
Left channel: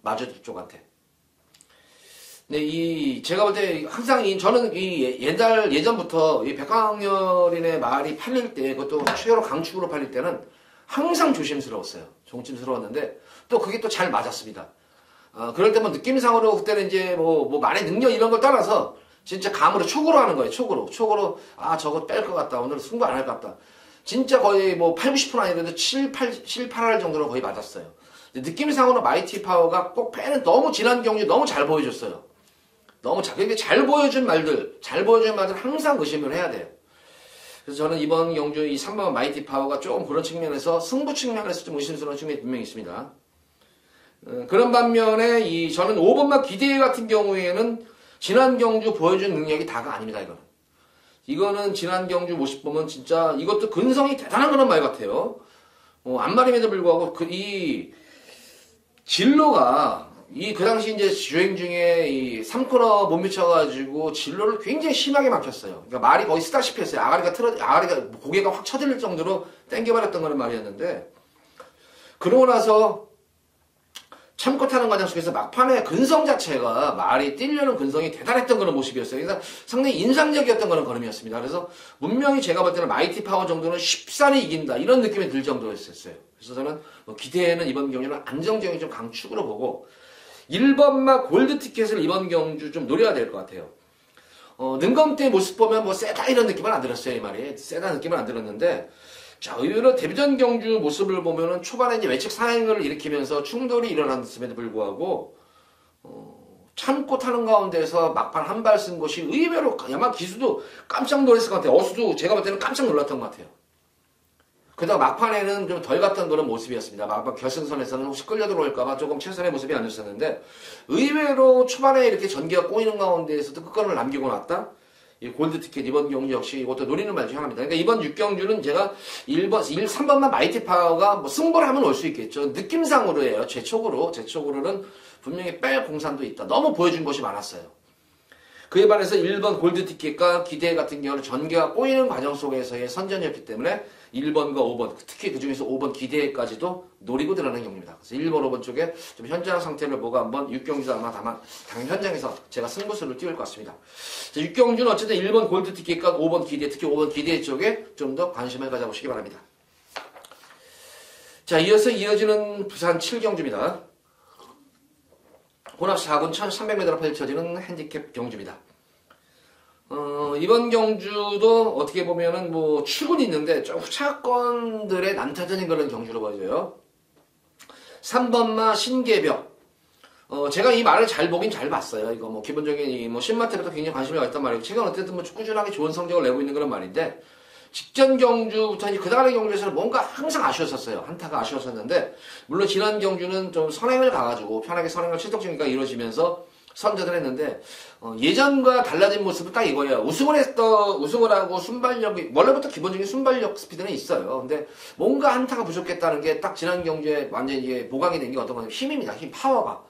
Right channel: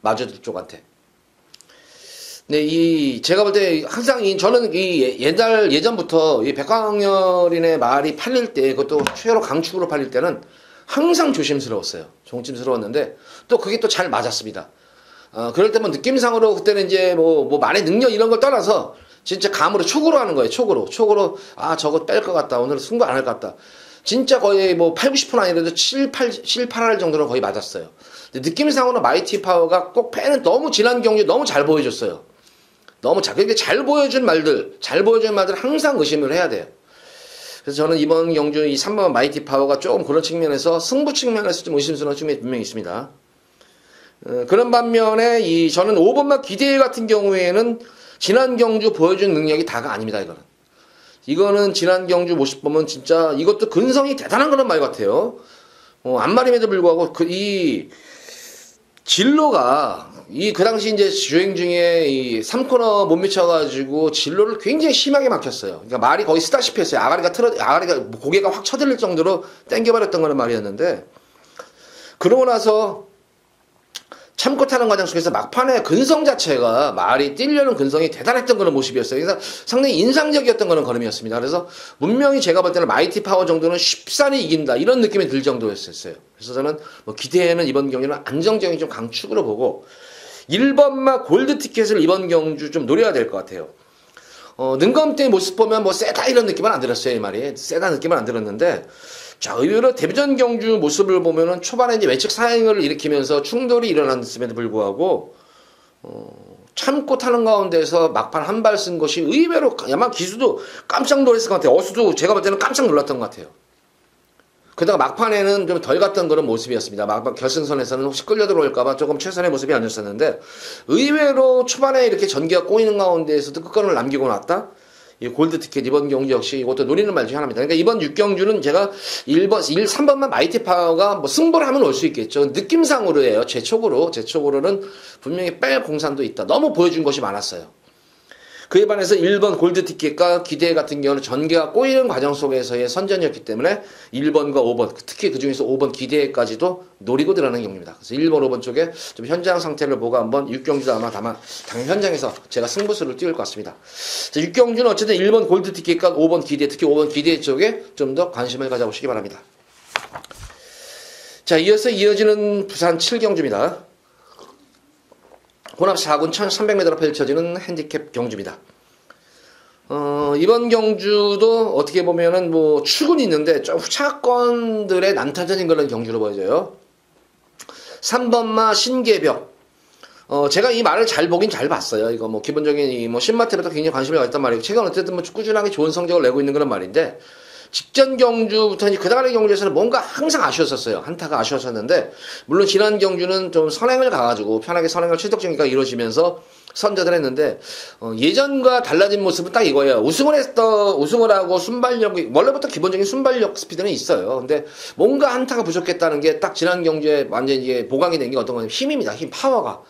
마주들 쪽한테. 네, 제가 볼 때 항상 저는 예전부터 이 백광열인의 말이 팔릴 때 그것도 최로 강축으로 팔릴 때는 항상 조심스러웠어요. 조심스러웠는데 또 그게 또 잘 맞았습니다. 그럴 때 뭐 느낌상으로 그때는 이제 뭐 말의 능력 이런 걸 떠나서 진짜 감으로 촉으로 하는 거예요. 촉으로 저거 뺄 것 같다. 오늘 승부 안 할 것 같다. 진짜 거의 뭐 8, 90% 아니라도 7, 8할 정도로 거의 맞았어요. 느낌상으로 마이티 파워가 꼭 패는 너무 지난 경기 너무 잘 보여줬어요. 너무 그렇게 잘 보여준 말들 항상 의심을 해야 돼요. 그래서 저는 이번 경주 이 3번 마이티 파워가 조금 그런 측면에서 승부 측면에서 좀 의심스러운 측면이 분명히 있습니다. 그런 반면에 저는 5번마 기대 같은 경우에는 지난 경주 보여준 능력이 다가 아닙니다, 이거는 지난 경주 모습 보면 진짜 이것도 근성이 대단한 그런 말 같아요. 안말임에도 불구하고 이 진로가 그 당시 이제 주행 중에 이 3코너 못 미쳐가지고 진로를 굉장히 심하게 막혔어요. 그러니까 말이 거의 쓰다시피 했어요. 아가리가 고개가 확 쳐들릴 정도로 땡겨버렸던 거는 말이었는데, 그러고 나서 참고 타는 과정 속에서 막판에 근성 자체가 말이 뛰려는 근성이 대단했던 그런 모습이었어요. 그래서 상당히 인상적이었던 그런 걸음이었습니다. 그래서 분명히 제가 볼 때는 마이티 파워 정도는 쉽사리 이긴다 이런 느낌이 들 정도였었어요. 그래서 저는 뭐 기대에는 이번 경기는 안정적인 좀 강축으로 보고 1번마 골드 티켓을 이번 경주 좀 노려야 될 것 같아요. 능검 때 모습 보면 뭐 세다 이런 느낌은 안 들었어요. 이 말이 세다 느낌은 안 들었는데, 자, 의외로 데뷔전 경주 모습을 보면은 초반에 이제 외측 사행을 일으키면서 충돌이 일어났음에도 불구하고, 참고 타는 가운데서 막판 한 발 쓴 것이 의외로, 아마 기수도 깜짝 놀랐을 것 같아요. 어수도 제가 볼 때는 깜짝 놀랐던 것 같아요. 그러다가 막판에는 좀 덜 갔던 그런 모습이었습니다. 막판 결승선에서는 혹시 끌려 들어올까봐 조금 최선의 모습이 아니었었는데, 의외로 초반에 이렇게 전개가 꼬이는 가운데에서도 끝간을 남기고 났다? 이 골드 티켓 이번 경주 역시 이것도 노리는 말 중 하나입니다. 그러니까 이번 6경주는 제가 3번만 마이티 파워가 뭐 승부를 하면 올 수 있겠죠. 느낌상으로 해요. 제 촉으로는 분명히 뺄 공산도 있다. 너무 보여준 것이 많았어요. 그에 반해서 1번 골드 티켓과 기대 같은 경우는 전개가 꼬이는 과정 속에서의 선전이었기 때문에 1번과 5번, 특히 그 중에서 5번 기대까지도 노리고 들어가는 경기입니다. 그래서 1번, 5번 쪽에 좀 현장 상태를 보고 한번 6경주도 아마 당연 현장에서 제가 승부수를 띄울 것 같습니다. 자, 6경주는 어쨌든 1번 골드 티켓과 5번 기대, 특히 5번 기대 쪽에 좀 더 관심을 가져보시기 바랍니다. 자, 이어서 이어지는 부산 7경주입니다. 혼합 4군 1300m로 펼쳐지는 핸디캡 경주입니다. 이번 경주도 어떻게 보면은 뭐 출근이 있는데 좀 후차권들의 난타전인 그런 경주로 보여져요. 3번마 신계벽. 제가 이 말을 잘 보긴 잘 봤어요. 이거 뭐 기본적인 뭐 신마태부터 굉장히 관심이 가있단 말이고, 최근 어쨌든 뭐 꾸준하게 좋은 성적을 내고 있는 그런 말인데, 직전 경주부터 이제 그다음의 경주에서는 뭔가 항상 아쉬웠었어요. 한타가 아쉬웠었는데, 물론 지난 경주는 좀 선행을 가가지고 편하게 선행을 출석 전개가 이루어지면서 선전을 했는데, 예전과 달라진 모습은 딱 이거예요. 우승을 하고 순발력이, 원래부터 기본적인 순발력 스피드는 있어요. 근데 뭔가 한타가 부족했다는 게 딱 지난 경주에 완전히 이게 보강이 된 게 어떤 거냐면 힘입니다. 힘, 파워가.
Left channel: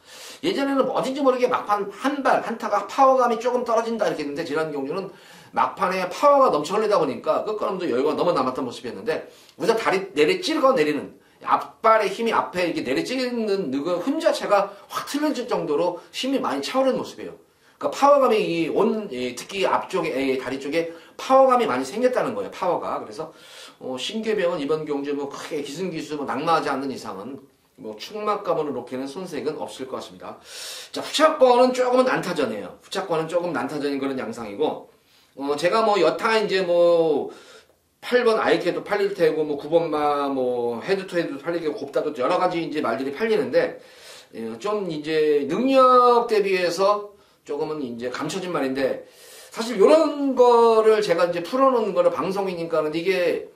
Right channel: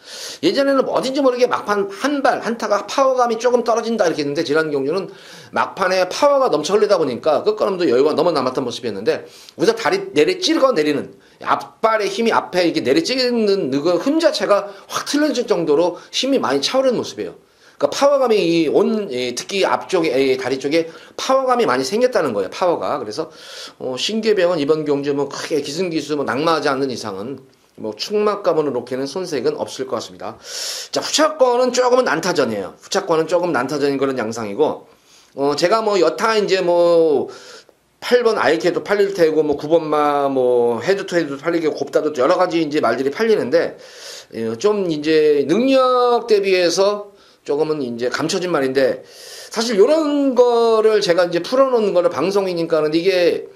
예전에는 어딘지 모르게 막판 한타가 파워감이 조금 떨어진다 이렇게 했는데, 지난 경주는 막판에 파워가 넘쳐 흘리다 보니까 끝걸음도 여유가 너무 남았던 모습이었는데, 우선 다리 찍어 내리는 앞발의 힘이 앞에 이게 내리찍는 그 힘 자체가 확 틀려질 정도로 힘이 많이 차오르는 모습이에요. 그러니까 파워감이 특히 앞쪽에 다리 쪽에 파워감이 많이 생겼다는 거예요. 파워가. 그래서 신계병은 이번 경주 뭐 크게 기승기수 뭐 낙마하지 않는 이상은 뭐 축막감으로 놓기에는 손색은 없을 것 같습니다. 자, 후차권은 조금은 난타전이에요. 후차권은 조금 난타전인 그런 양상이고, 제가 뭐 여타 이제 뭐 8번 아이케도 팔릴 테고, 뭐 9번마 뭐 헤드 투 헤드도 팔리고, 곱다도 여러 가지 이제 말들이 팔리는데, 좀 이제 능력 대비해서 조금은 이제 감춰진 말인데, 사실 요런 거를 제가 이제 풀어놓는 거를 방송이니까 하는데, 이게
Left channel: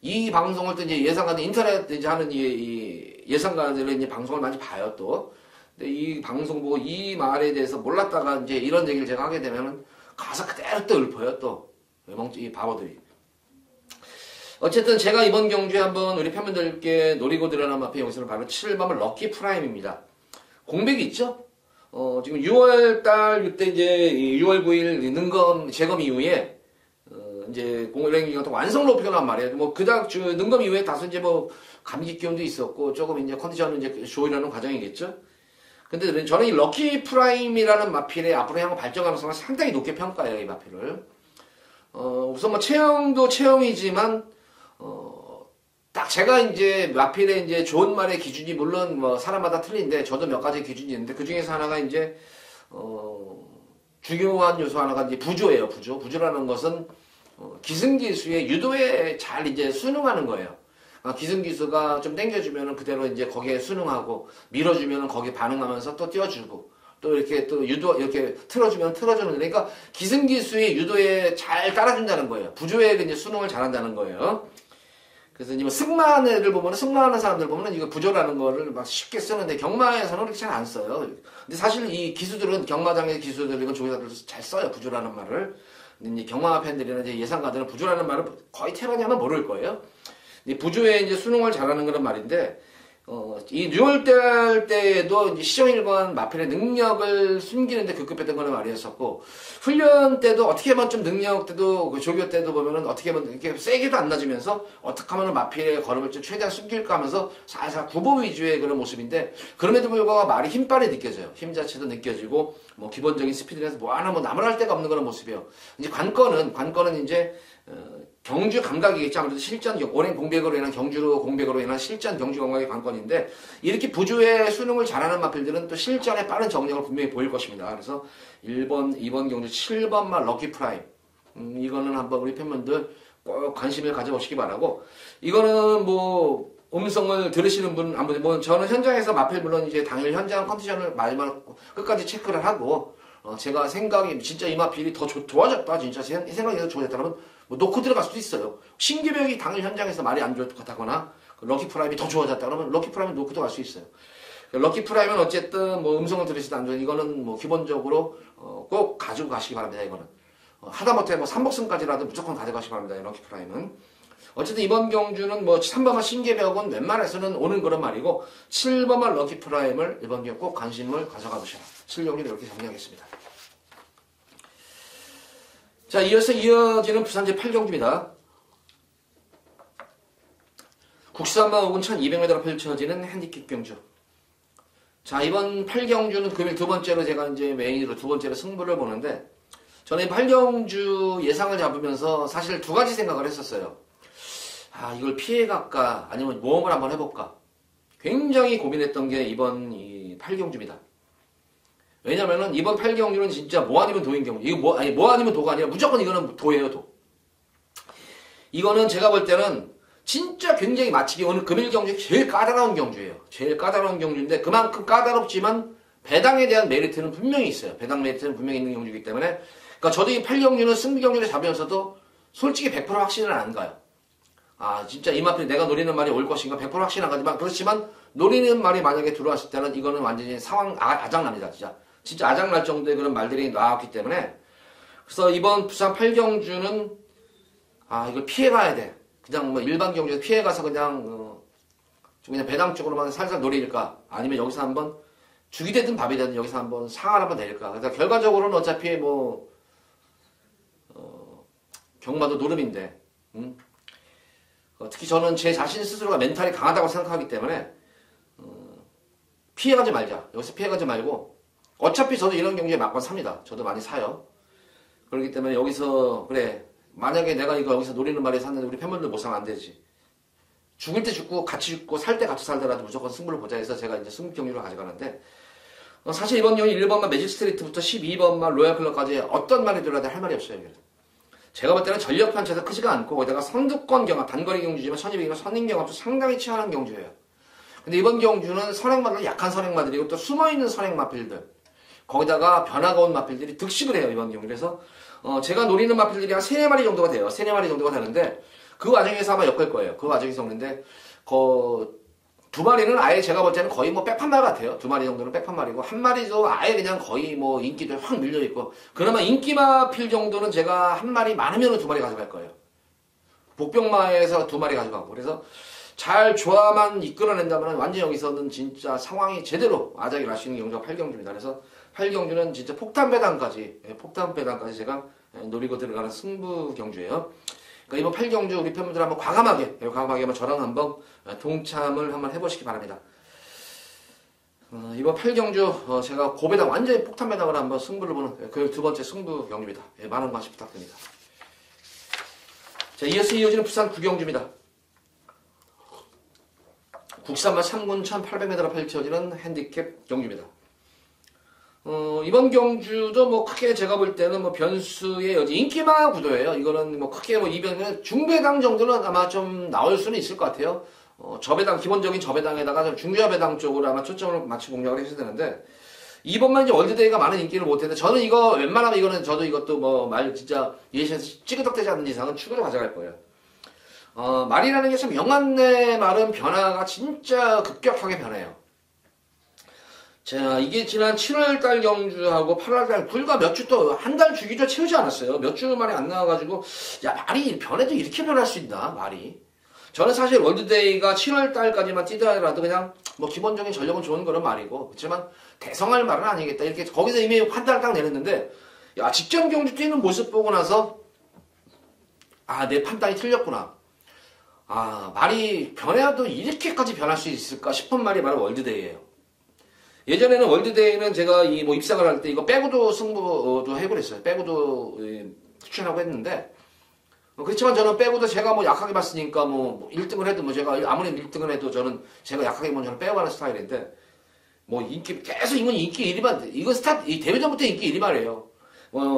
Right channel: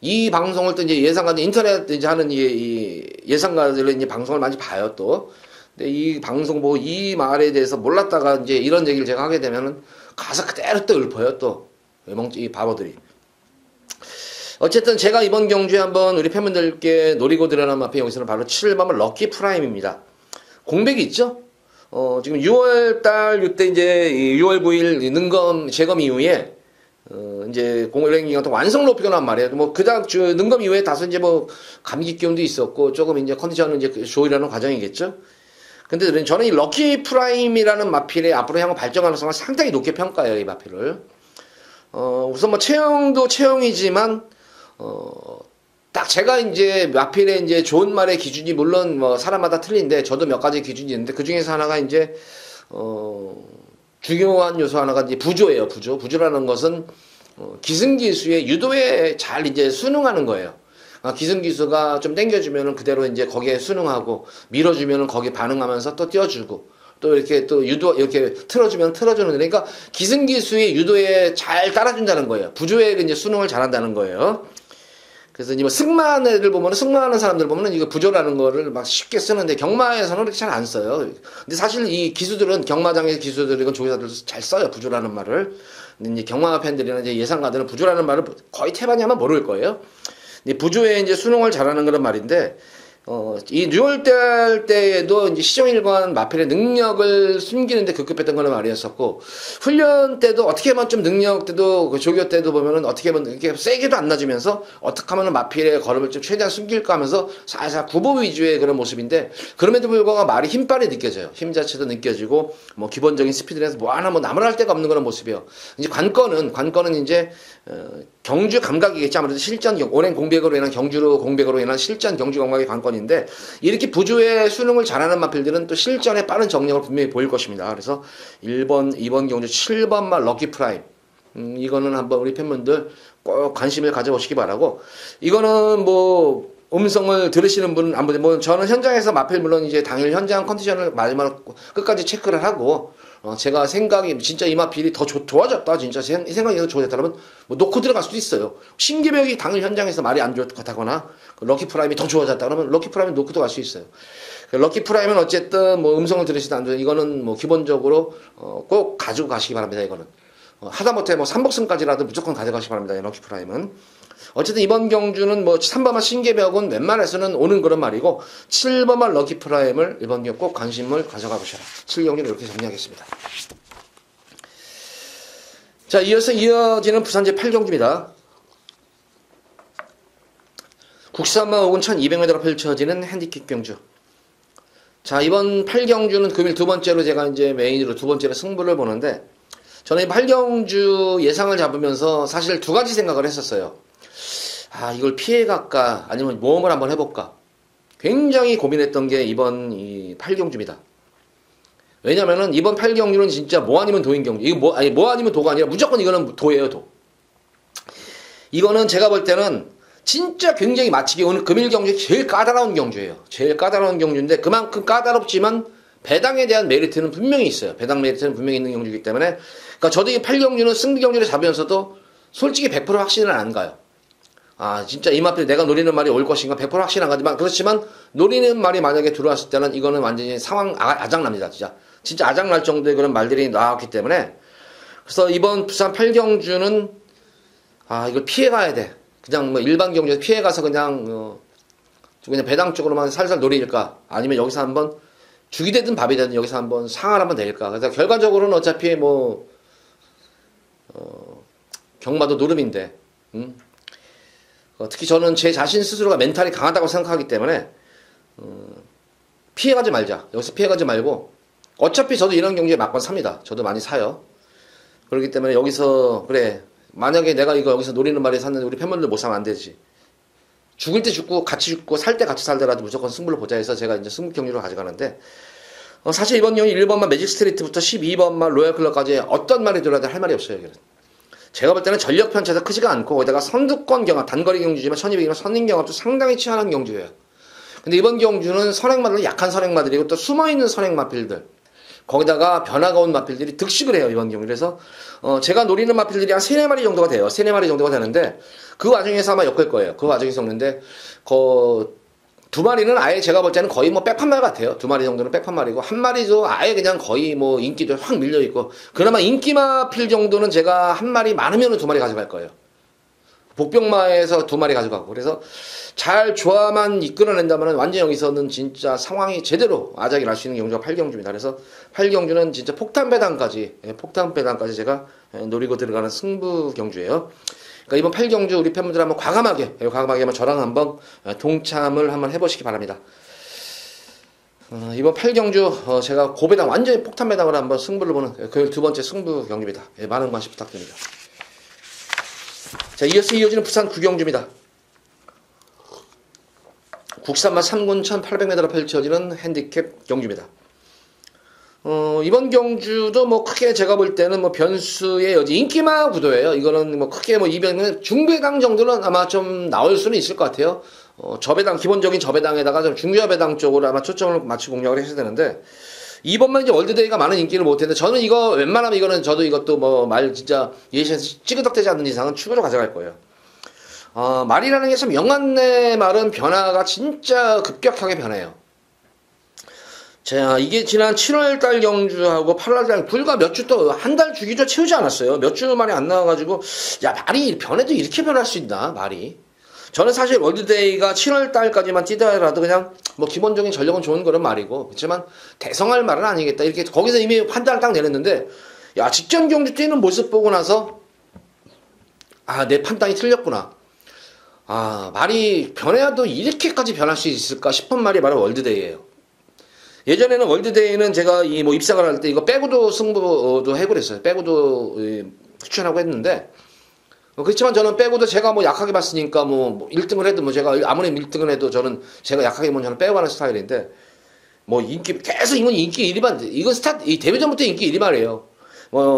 이 방송을 또 이제 예상가들 인터넷 이제 하는 이 예상가들은 이제 방송을 많이 봐요 또. 근데 이 방송 뭐 이 말에 대해서 몰랐다가 이제 이런 얘기를 제가 하게 되면은 가서 그대로 또 읊어요 또. 이 바보들이. 어쨌든 제가 이번 경주에 한번 우리 팬분들께 노리고 들어가는 앞에 여기서는 바로 7번은 럭키 프라임입니다. 공백이 있죠? 지금 6월달 이때 이제 6월 9일 능검 재검 이후에 이제 공랭기가 또 완성 높이고 난 말이에요. 뭐 그다음 능검 이후에 다소 이제 뭐 감기 기운도 있었고 조금 이제 컨디션을 이제 조이려는 과정이겠죠. 근데 저는 이 럭키 프라임이라는 마필의 앞으로 향후 발전 가능성을 상당히 높게 평가해요, 이 마필을. 우선 뭐 체형도 체형이지만 딱 제가 이제 마필의 이제 좋은 말의 기준이 물론 뭐 사람마다 틀린데, 저도 몇 가지 기준이 있는데 그 중에서 하나가 이제 중요한 요소 하나가 이제 부조예요. 부조라는 것은 기승기수의 유도에 잘 이제 순응하는 거예요. 기승기수가 좀 당겨주면은 그대로 이제 거기에 순응하고, 밀어주면은 거기에 반응하면서 또 띄워주고, 또 이렇게 또 이렇게 틀어주면 틀어주는, 그러니까 기승기수의 유도에 잘 따라준다는 거예요. 부조에 이제 순응을 잘한다는 거예요. 그래서 이제 뭐 승마하는 애들 보면은, 승마하는 사람들 보면은 이거 부조라는 거를 막 쉽게 쓰는데, 경마에서는 그렇게 잘 안 써요. 근데 사실 이 기수들은, 경마장의 기수들이건 조교사들 잘 써요, 부조라는 말을. 근데 이제 경마 팬들이나 이제 예상가들은 부조라는 말을 거의 태반이 아마 모를 거예요. 이 부조에 이제 수능을 잘하는 그런 말인데, 이 6월달 때에도 이제 시정일관 마필의 능력을 숨기는데 급급했던 그런 말이었었고, 훈련 때도 어떻게 하면 좀 능력 때도, 그 조교 때도 보면은 어떻게 하면 이렇게 세게도 안 놔주면서 어떻게 하면 마필의 걸음을 좀 최대한 숨길까 하면서 살살 구보 위주의 그런 모습인데, 그럼에도 불구하고 말이 힘빨이 느껴져요. 힘 자체도 느껴지고, 뭐 기본적인 스피드에서 뭐 하나 뭐 나무랄 데가 없는 그런 모습이에요. 이제 관건은 이제, 경주 감각이겠죠. 아무래도 실전, 오랜 공백으로 인한 경주로 공백으로 인한 실전 경주 감각이 관건인데, 이렇게 부조의 수능을 잘하는 마필들은 또 실전에 빠른 정력을 분명히 보일 것입니다. 그래서 1번, 2번 경주, 7번 말 럭키 프라임. 이거는 한번 우리 팬분들 꼭 관심을 가져보시기 바라고, 이거는 뭐, 음성을 들으시는 분은 안 보세요. 뭐, 저는 현장에서 마필 물론 이제 당일 현장 컨디션을 마지막 끝까지 체크를 하고, 제가 생각이 진짜 이 마필이 더 좋아졌다 진짜 제 생각이 더 좋아졌다면 뭐 놓고 들어갈 수도 있어요. 신기백이 당일 현장에서 말이 안 좋다거나 럭키 프라임이 더 좋아졌다 그러면 럭키 프라임을 놓고 들어갈 수 있어요. 럭키 프라임은 어쨌든 뭐 음성을 들으시든 안 들으시든 이거는 뭐 기본적으로 꼭 가지고 가시기 바랍니다. 이거는 하다못해 뭐 3복승까지라도 무조건 가져가시기 바랍니다. 이 럭키 프라임은. 어쨌든 이번 경주는 뭐 3번만 신개벽은 웬만해서는 오는 그런 말이고, 7번만 럭키 프라임을 이번 경주 꼭 관심을 가져가 보셔라. 7경주는 이렇게 정리하겠습니다. 자, 이어지는 부산제 8경주입니다. 국산마 혹은 1200m로 펼쳐지는 핸디캡 경주. 자, 이번 8경주는 금일 두 번째로 제가 이제 메인으로 두 번째로 승부를 보는데, 저는 이 8경주 예상을 잡으면서 사실 두 가지 생각을 했었어요. 이걸 피해갈까 아니면 모험을 한번 해볼까, 굉장히 고민했던 게 이번 이 8경주입니다. 왜냐면은 이번 8경주는 진짜 뭐 아니면 도인 경주. 이거 뭐 아니면 도가 아니라 무조건 이거는 도예요, 도. 이거는 제가 볼 때는 진짜 굉장히 마치기 오늘 금일 경주에 제일 까다로운 경주예요. 제일 까다로운 경주인데 그만큼 까다롭지만 배당에 대한 메리트는 분명히 있어요. 배당 메리트는 분명히 있는 경주이기 때문에, 그러니까 저도 이 8경주는 승비 경주를 잡으면서도 솔직히 100% 확신은 안 가요. 진짜 이 마필 내가 노리는 말이 올 것인가 100% 확신 안 가지만, 그렇지만 노리는 말이 만약에 들어왔을 때는 이거는 완전히 상황 아작납니다. 진짜 아작날 정도의 그런 말들이 나왔기 때문에, 그래서 이번 부산 8경주는 이걸 피해가야 돼. 그냥 뭐 일반 경주에서 피해가서 그냥 배당 쪽으로만 살살 노릴까, 아니면 여기서 한번 죽이 되든 밥이 되든 여기서 한번 상을 한번 낼까. 그래서 결과적으로는 어차피 뭐 경마도 노름인데, 특히 저는 제 자신 스스로가 멘탈이 강하다고 생각하기 때문에 피해가지 말자. 여기서 피해가지 말고, 어차피 저도 이런 경기에 막건 삽니다. 저도 많이 사요. 그렇기 때문에 여기서 그래, 만약에 내가 이거 여기서 노리는 말에 샀는데 우리 팬분들 못 사면 안 되지. 죽을 때 죽고 같이 죽고 살 때 같이 살더라도 무조건 승부를 보자 해서 제가 이제 승부 경기로 가져가는데, 사실 이번 경기 1번만 매직 스트리트부터 12번만 로얄 클럽까지 어떤 말이 들어야 돼 할 말이 없어요. 이거는. 제가 볼 때는 전력 편차도 크지가 않고, 거기다가 선두권 경합, 단거리 경주지만 1200이면 선행 경합도 상당히 치열한 경주예요. 근데 이번 경주는 선행마들은 약한 선행마들이고 또 숨어있는 선행마필들, 거기다가 변화가 온 마필들이 득식을 해요, 이번 경주. 그래서 제가 노리는 마필들이 한 3-4마리 정도가 돼요. 3-4마리 정도가 되는데, 그 와중에서 아마 엮을 거예요. 그 와중에서 엮는데, 두 마리는 아예 제가 볼 때는 거의 뭐 백판말 같아요. 2마리 정도는 백판말이고, 1마리도 아예 그냥 거의 뭐 인기도 확 밀려있고, 그나마 인기마필 정도는 제가 1마리 많으면 2마리 가져갈 거예요. 복병마에서 2마리 가져가고. 그래서 잘 조화만 이끌어낸다면 완전 여기서는 진짜 상황이 제대로 아작이 날 수 있는 경주가 8경주입니다. 그래서 8경주는 진짜 폭탄 배당까지 제가 노리고 들어가는 승부 경주예요. 그러니까 이번 8경주 우리 팬분들 한번 과감하게 한번 저랑 한번 동참을 한번 해보시기 바랍니다. 이번 8경주 제가 고배당 완전히 폭탄 배당을 한번 승부를 보는 그 두 번째 승부 경주입니다. 많은 관심 부탁드립니다. 자, 이어지는 부산 9경주입니다. 국산마 3군 1800m로 펼쳐지는 핸디캡 경주입니다. 이번 경주도 뭐 크게 제가 볼 때는 뭐 변수의 여지, 인기마 구도예요. 이거는 뭐 크게 뭐 이변은 중배당 정도는 아마 좀 나올 수는 있을 것 같아요. 저배당, 기본적인 저배당에다가 좀 중저배당 쪽으로 아마 초점을 맞추고 공략을 해야 되는데, 이번만 이제 월드데이가 많은 인기를 못 했는데, 저는 이거 웬만하면 이거는 저도 이것도 뭐 말 진짜 예시에서 찌그덕대지 않는 이상은 축으로 가져갈 거예요. 말이라는 게 참 영안내 말은 변화가 진짜 급격하게 변해요. 자, 이게 지난 7월달 경주하고 8월달 불과 몇 주 또 한 달 주기조 채우지 않았어요. 몇 주 만에 안 나와가지고, 야, 말이 변해도 이렇게 변할 수 있나, 말이. 저는 사실 월드데이가 7월 달까지만 뛰더라도 그냥 뭐 기본적인 전력은 좋은 거는 말이고, 그렇지만 대성할 말은 아니겠다. 이렇게 거기서 이미 판단을 딱 내렸는데, 야, 직전 경주 뛰는 모습 보고 나서, 아, 내 판단이 틀렸구나. 아, 말이 변해도 이렇게까지 변할 수 있을까 싶은 말이 바로 월드데이예요. 예전에는 월드데이는 제가 이 뭐 입상을 할 때 이거 빼고도 승부도 해버렸어요. 빼고도 추천하고 했는데, 그렇지만 저는 빼고도 제가 뭐 약하게 봤으니까 뭐 1등을 해도 뭐 제가 아무리 1등을 해도 제가 약하게 보면 저는 빼고 하는 스타일인데, 뭐 계속 이건 인기 1위만, 이 데뷔전부터 인기 1위만이에요.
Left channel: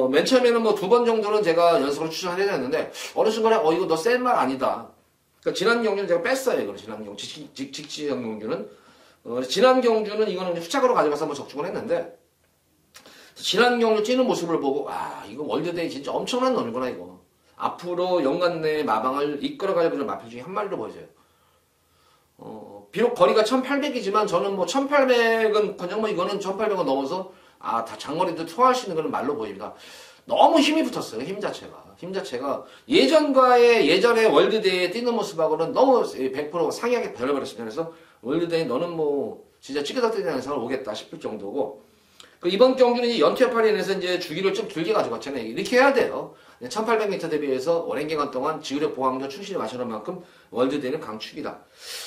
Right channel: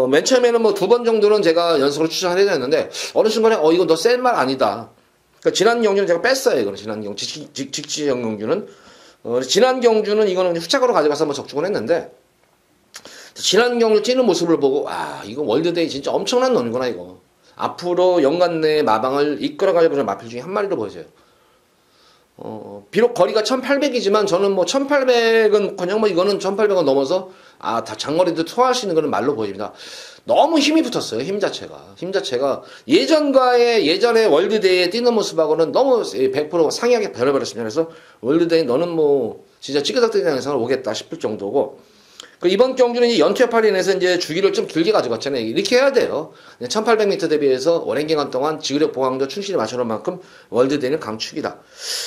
맨 처음에는 뭐 2번 정도는 제가 연속으로 추천을 해줬는데, 어느 순간에 이거 너 센 말 아니다. 그러니까 지난 경주는 제가 뺐어요. 이거는 지난 경주, 직지형 경주는. 지난 경주는 이거는 후착으로 가져가서 한번 적중을 했는데, 지난 경주 뛰는 모습을 보고, 아, 이거 월드데이 진짜 엄청난 놈이구나, 이거. 앞으로 연간 내 마방을 이끌어갈 그런 마필 중에 한 마리로 보여져요. 비록 거리가 1800이지만 저는 뭐 1800은 그냥 뭐 이거는 1800은 넘어서 다 장거리도 투하할 수 있는 그런 말로 보입니다. 너무 힘이 붙었어요. 힘 자체가 예전에 월드데이에 뛰는 모습하고는 너무 100% 상이하게 변해버렸습니다. 그래서 월드데이 너는 뭐 진짜 찌그덕대는 영상을 오겠다 싶을 정도고, 이번 경주는 이제 연투협할인해서 이제 주기를 좀 길게 가져갔잖아요. 이렇게 해야 돼요. 1800m 대비해서 오랜 기간 동안 지구력 보강도 충실히 맞춰놓은 만큼 월드데이는 강축이다.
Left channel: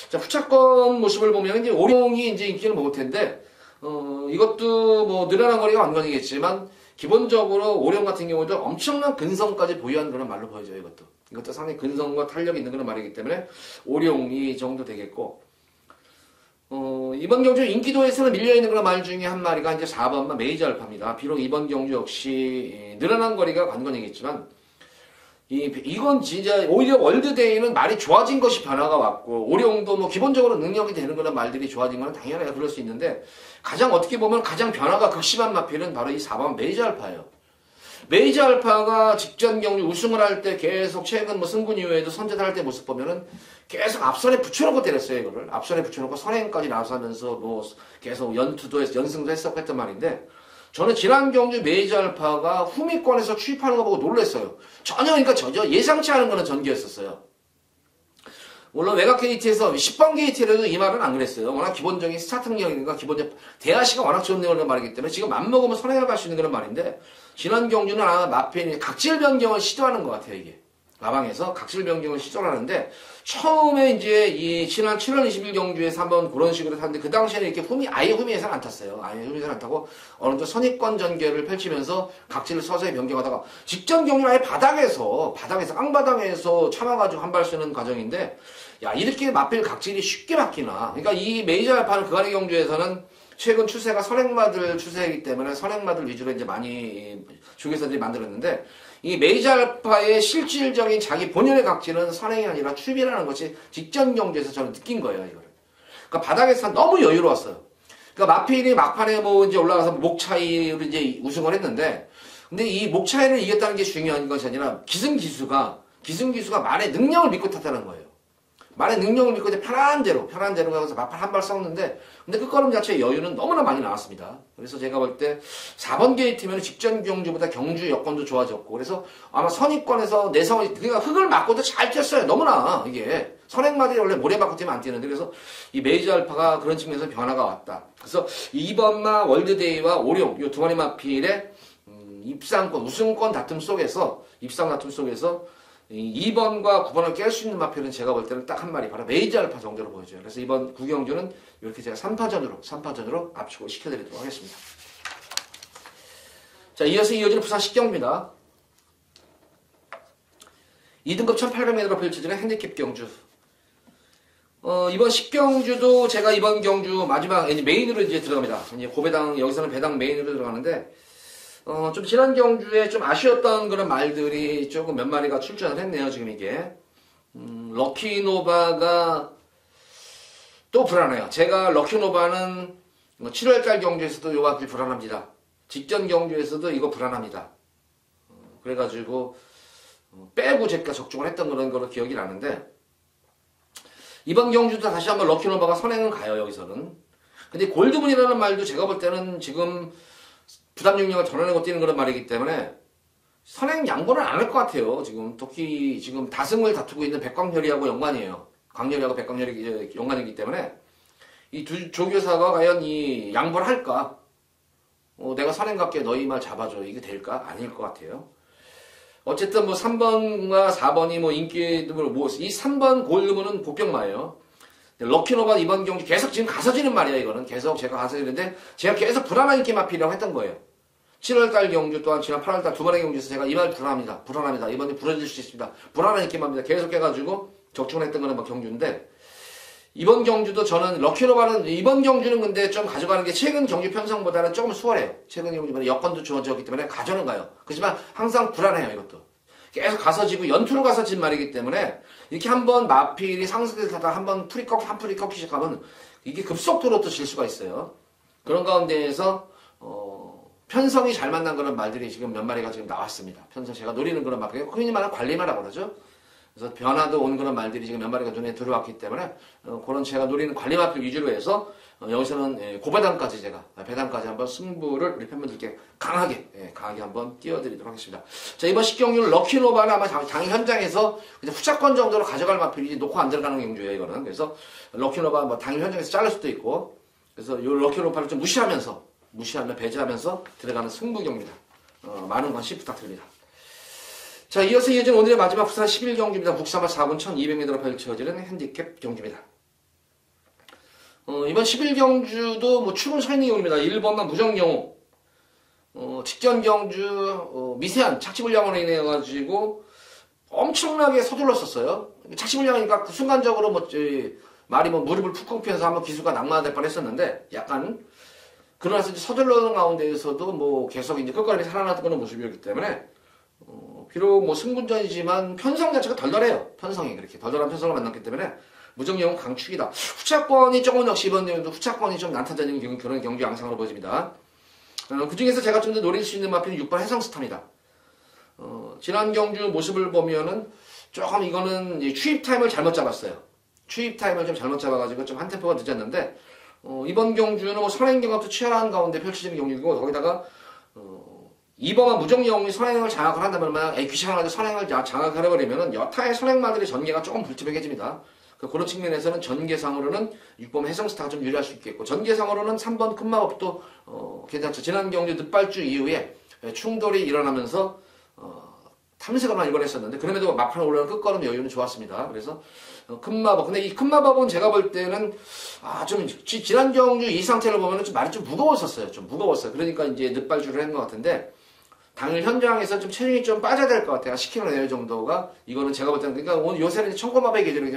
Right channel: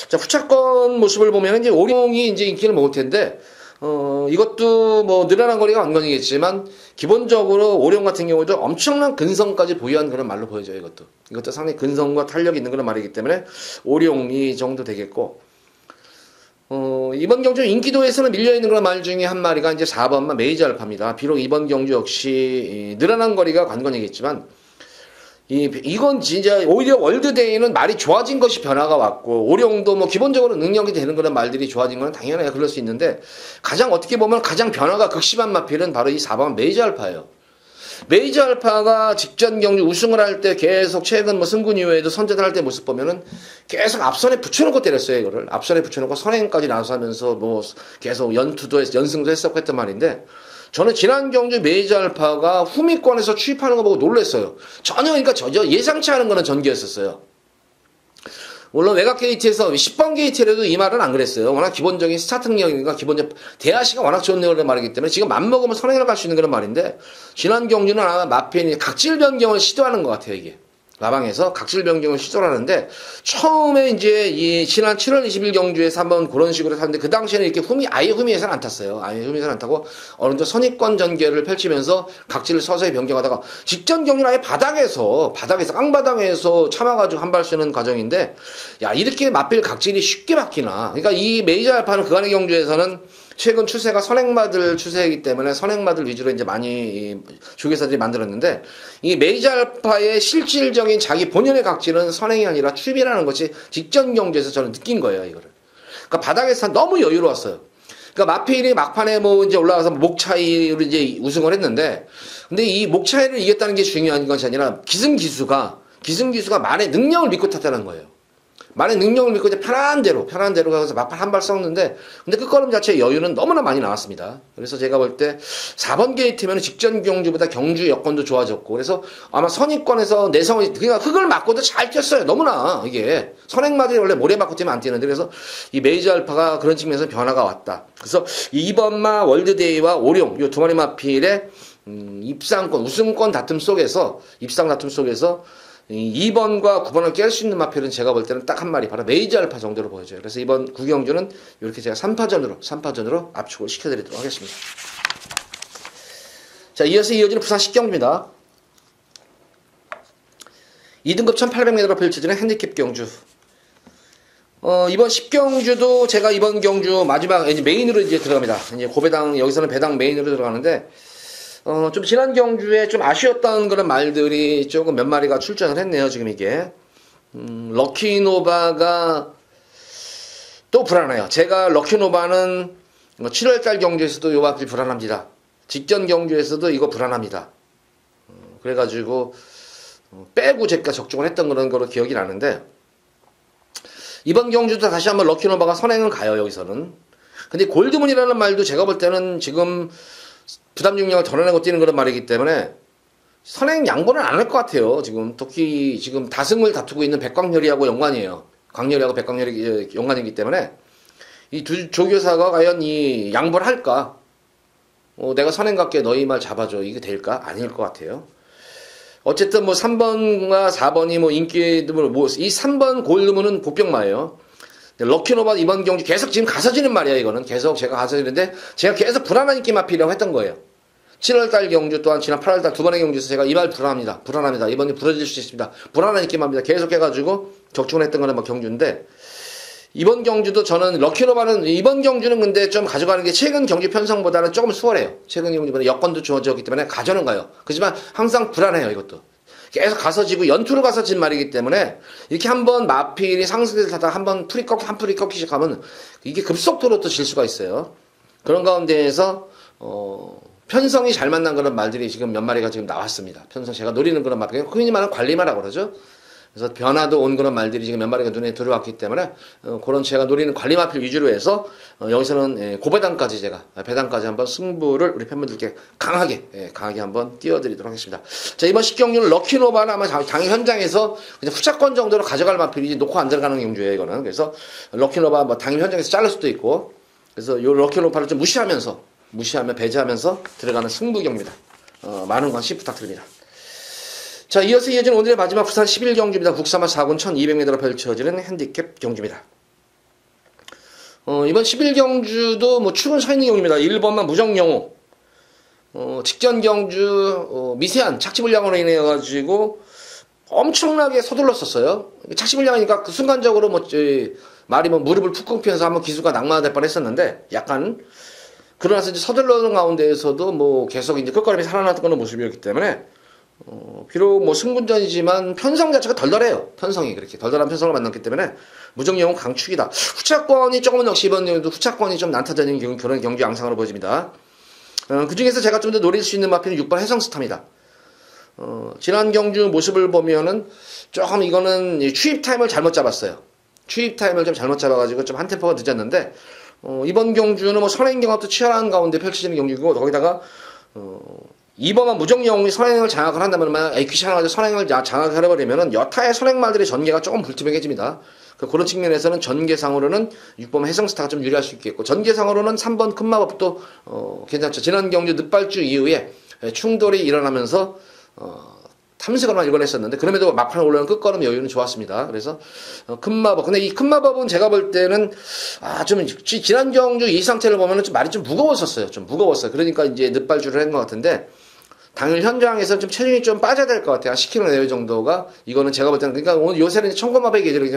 자, 후차권 모습을 보면 이제 오룡이 이제 인기를 먹을 텐데, 이것도 뭐 늘어난 거리가 안건이겠지만, 기본적으로 오룡 같은 경우도 엄청난 근성까지 보유한 그런 말로 보여져요, 이것도 상당히 근성과 탄력이 있는 그런 말이기 때문에, 오룡이 정도 되겠고, 이번 경주 인기도에서는 밀려있는 그런 말 중에 한 마리가 이제 4번만 메이저 알파입니다. 비록 이번 경주 역시 늘어난 거리가 관건이겠지만, 이건 진짜 오히려 월드데이는 말이 좋아진 것이 변화가 왔고, 오룡도 뭐 기본적으로 능력이 되는 그런 말들이 좋아진 건 당연해요. 그럴 수 있는데, 어떻게 보면 가장 변화가 극심한 마필은 바로 이 4번 메이저 알파예요. 메이저 알파가 직전 경주 우승을 할 때 계속 최근 뭐 승군 이후에도 선제를 할 때 모습 보면은 계속 앞선에 붙여놓고 때렸어요, 이거를. 앞선에 붙여놓고 선행까지 나서 하면서 뭐 계속 연승도 했었고 했단 말인데, 저는 지난 경주 메이저 알파가 후미권에서 추입하는 거 보고 놀랐어요. 그러니까 예상치 않은 거는 전개였었어요. 물론 외곽 게이트에서 10번 게이트라도 이 말은 안 그랬어요. 워낙 기본적인 스타트 능력이니까 대하시가 워낙 좋은 그런 말이기 때문에 지금 맘먹으면 선행을 갈 수 있는 그런 말인데, 지난 경주는 아마 마펜이 각질 변경을 시도하는 것 같아요, 이게. 마방에서 각질 변경을 시도를 하는데, 처음에 이제 이 지난 7월 20일 경주에서 한번 그런 식으로 탔는데, 그 당시에는 이렇게 아예 후미에서는 안 탔어요. 아예 후미에서는 안 타고 어느 정도 선입권 전개를 펼치면서 각질을 서서히 변경하다가, 직전 경주는 아예 바닥에서 깡바닥에서 참아가지고 한 발 쓰는 과정인데, 야, 이렇게 마필 각질이 쉽게 바뀌나. 그러니까 이 메이저 알파는 그간의 경주에서는 최근 추세가 선행마들 추세이기 때문에 선행마들 위주로 이제 많이 조계사들이 만들었는데, 이 메이저 알파의 실질적인 자기 본연의 각질은 선행이 아니라 추입이라는 것이 직전 경주에서 저는 느낀 거예요, 이거를. 그러니까 바닥에서 너무 여유로웠어요. 그러니까 마필이 막판에 뭐 이제 올라가서 목 차이로 이제 우승을 했는데, 근데 이 목 차이를 이겼다는 게 중요한 것이 아니라 기승기수가 말의 능력을 믿고 탔다는 거예요. 말의 능력을 믿고 이제 편한 대로 가서 막판 한 발 썩는데, 근데 끝걸음 자체의 여유는 너무나 많이 나왔습니다. 그래서 제가 볼 때 4번 게이트면 직전 경주보다 경주 여건도 좋아졌고, 그래서 아마 선입권에서 내성을, 그러니까 흙을 맞고도 잘 뛰었어요. 너무나 이게 선행마들이 원래 모래 맞고 뛰면 안 뛰는데, 그래서 이 메이저 알파가 그런 측면에서 변화가 왔다. 그래서 2번마 월드데이와 오룡 이 두 마리 마필의 입상권, 우승권 다툼 속에서 2번과 9번을 깰 수 있는 마필은 제가 볼 때는 딱 한 마리, 바로 메이저 알파 정도로 보여져요. 그래서 이번 구경주는 이렇게 제가 3파전으로 압축을 시켜드리도록 하겠습니다. 자, 이어지는 부산 10경주입니다. 2등급 1800m로 펼쳐지는 핸디캡 경주. 이번 10경주도 제가 이번 경주 마지막 이제 메인으로 이제 들어갑니다. 이제 고배당, 여기서는 배당 메인으로 들어가는데, 좀 지난 경주에 좀 아쉬웠던 그런 말들이 조금 몇 마리가 출전을 했네요, 지금 이게. 럭키노바가 또 불안해요. 제가 럭키노바는 7월달 경주에서도 요 마필 불안합니다. 직전 경주에서도 이거 불안합니다. 그래가지고, 빼고 제가 적중을 했던 그런 거로 기억이 나는데, 이번 경주도 다시 한번 럭키노바가 선행을 가요, 여기서는. 근데 골드문이라는 말도 제가 볼 때는 지금 부담 중량을 덜어내고 뛰는 그런 말이기 때문에 선행 양보는 안 할 것 같아요. 지금 특히 지금 다승을 다투고 있는 백광열이하고 연관이에요. 광렬이하고 백광렬이 연관이기 때문에 이 두 조교사가 과연 이 양보를 할까? 내가 선행각계 너희 말 잡아줘. 이게 될까? 아닐 것 같아요. 어쨌든 뭐 3번과 4번이 뭐 인기 드문 이 3번 골드문은 보병마예요. 럭키노바 이번 경주 계속 지금 가서지는 말이야. 이거는 계속 제가 가서지는데 제가 계속 불안한 인기 마필이라고 했던 거예요. 7월달 경주 또한 지난 8월달 두 번의 경주에서 제가 이 말 불안합니다. 이번에 부러질 수 있습니다. 불안한 인기마입니다. 계속 해가지고 적중을 했던 거는 뭐 경주인데 이번 경주도 저는 럭키노바는 이번 경주는 근데 좀 가져가는 게 최근 경주 편성보다는 조금 수월해요. 최근 경주보다 여건도 좋아졌기 때문에 가져는 가요. 그렇지만 항상 불안해요. 이것도. 계속 가서지고 연투로 가서진 말이기 때문에 이렇게 한번 마필이 상승해서 타다가 한번 한 풀이 꺾기 시작하면 이게 급속도로 또 질 수가 있어요. 그런 가운데에서 편성이 잘 만난 그런 말들이 지금 몇 마리가 지금 나왔습니다. 편성 제가 노리는 그런 말, 흔히 말하는 관리마라고 그러죠. 그래서 변화도 온 그런 말들이 지금 몇 마리가 눈에 들어왔기 때문에 그런 제가 노리는 관리마필 위주로 해서 여기서는 고배당까지 제가 배당까지 한번 승부를 우리 팬분들께 강하게 한번 띄워드리도록 하겠습니다. 자, 이번 10경주는 럭키노바는 아마 당일 현장에서 그냥 후차권 정도로 가져갈 마필이지 놓고 안 들어가는 경주예요. 이거는. 그래서 럭키노바 뭐 당일 현장에서 자를 수도 있고 그래서 이 럭키노바를 좀 배제하면서 들어가는 승부경입니다. 많은 관심 부탁드립니다. 자, 이어서 이어진 오늘의 마지막 부산 11경주입니다. 국사마 4군 1200m로 펼쳐지는 핸디캡 경주입니다. 이번 11경주도 뭐 출근 서 있는 경주입니다. 1번만 무정영호. 직전 경주 미세한 착지불량으로 인해 가지고 엄청나게 서둘렀었어요. 착지불량이니까 그 순간적으로 말이 무릎을 푹 꿇면서 한번 기수가 낙마될 뻔했었는데 약간 그러나서 이제 서둘러는 가운데에서도 뭐 계속 이제 끝걸음이 살아났던 모습이었기 때문에 비록 뭐 승군전이지만 편성 자체가 덜덜해요. 편성이 그렇게 덜덜한 편성을 만났기 때문에 무정영은 강축이다. 후차권이 조금 역시 이번 경우도 후차권이 좀 난타되는 그런 경주 양상으로 보여집니다. 그 중에서 제가 좀 더 노릴 수 있는 마필은 6번 해성스타입니다. 지난 경주 모습을 보면은 조금 이거는 추입 타임을 잘못 잡았어요. 추입 타임을 좀 잘못 잡아가지고 좀 한 템포가 늦었는데 이번 경주는 뭐 선행 경합도 치열한 가운데 펼쳐지는 경주고 거기다가 2번만 무정영이 선행을 장악을 한다면 만약 귀찮아가지고 선행을 장악을 해버리면은 여타의 선행말들의 전개가 조금 불투명해집니다. 그런 측면에서는 전개상으로는 6번 해성스타가 좀 유리할 수 있겠고 전개상으로는 3번 큰마법도 괜찮죠. 지난 경주 늦발주 이후에 충돌이 일어나면서 탐색으로만 일관했었는데 그럼에도 막판에 올라오는 끝걸음 여유는 좋았습니다. 그래서 큰마법 근데 이 큰마법은 제가 볼 때는 좀 지난 경주 이 상태를 보면은 좀 말이 좀 무거웠었어요. 좀 무거웠어요. 그러니까 이제 늦발주를 한 것 같은데 당일 현장에서 좀 체중이 좀 빠져야 될 것 같아요. 한 10kg 내외 정도가. 이거는 제가 볼 때는, 그러니까 오늘 요새는 청고마백이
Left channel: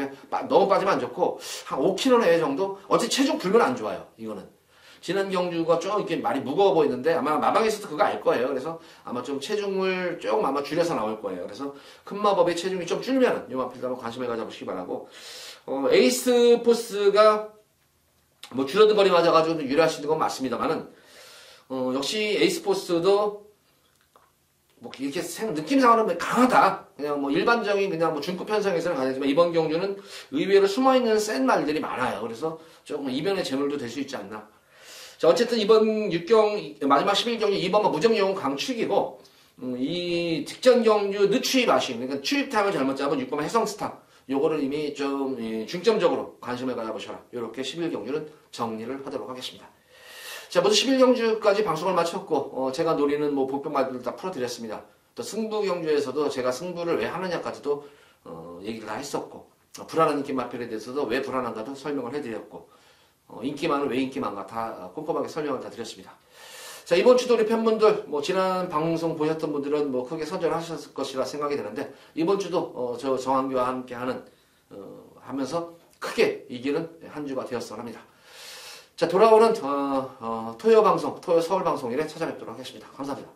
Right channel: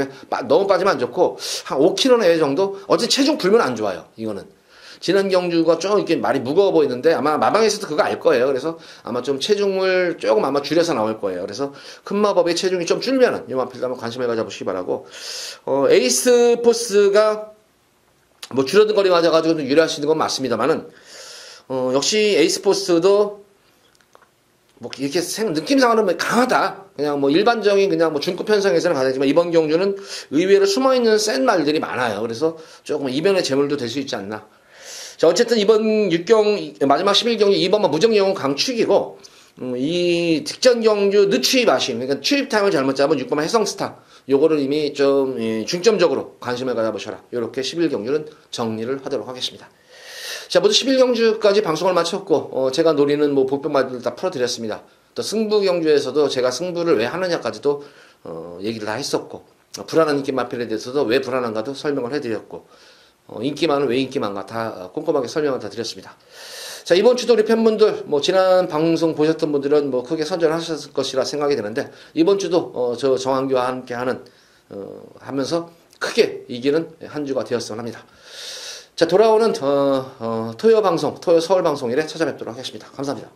너무 빠지면 안 좋고, 한 5kg 내외 정도? 어째 체중 불면 안 좋아요. 이거는. 지난 경주가 좀 이렇게 말이 무거워 보이는데, 아마 마방에서도 그거 알 거예요. 그래서 아마 좀 체중을 조금 아마 줄여서 나올 거예요. 그래서 큰 마법의 체중이 좀 줄면은, 이 마필도 한번 관심을 가져보시기 바라고, 에이스 포스가 뭐 줄어든 거리 맞아가지고 유리할 수 있는 건 맞습니다만은, 역시 에이스 포스도 뭐 이렇게 느낌상으로는 강하다. 그냥 뭐 일반적인 그냥 뭐 중급 편성에서는 가능하지만 이번 경주는 의외로 숨어있는 센 말들이 많아요. 그래서 조금 이변의 재물도 될 수 있지 않나. 자, 어쨌든 이번 6경 마지막 11경주 2번만 무정영은 강축이고 이 직전 경주 늦추입 마신 그러니까 추입 타임을 잘못 잡은 6번만 해성스타 요거를 이미 좀 중점적으로 관심을 가져보셔라. 이렇게 11경주는 정리를 하도록 하겠습니다. 자, 모두 11경주까지 방송을 마쳤고, 제가 노리는 뭐 복병말들 다 풀어드렸습니다. 또 승부경주에서도 제가 승부를 왜 하느냐까지도, 얘기를 다 했었고, 불안한 인기 마필에 대해서도 왜 불안한가도 설명을 해드렸고, 인기만은 왜 인기만가 다 꼼꼼하게 설명을 다 드렸습니다. 자, 이번 주도 우리 팬분들, 뭐, 지난 방송 보셨던 분들은 뭐 크게 선전하셨을 것이라 생각이 드는데, 이번 주도, 저 정한규와 함께 하면서 크게 이기는 한 주가 되었으면 합니다. 자, 돌아오는 토요 서울 방송일에 찾아뵙도록 하겠습니다. 감사합니다.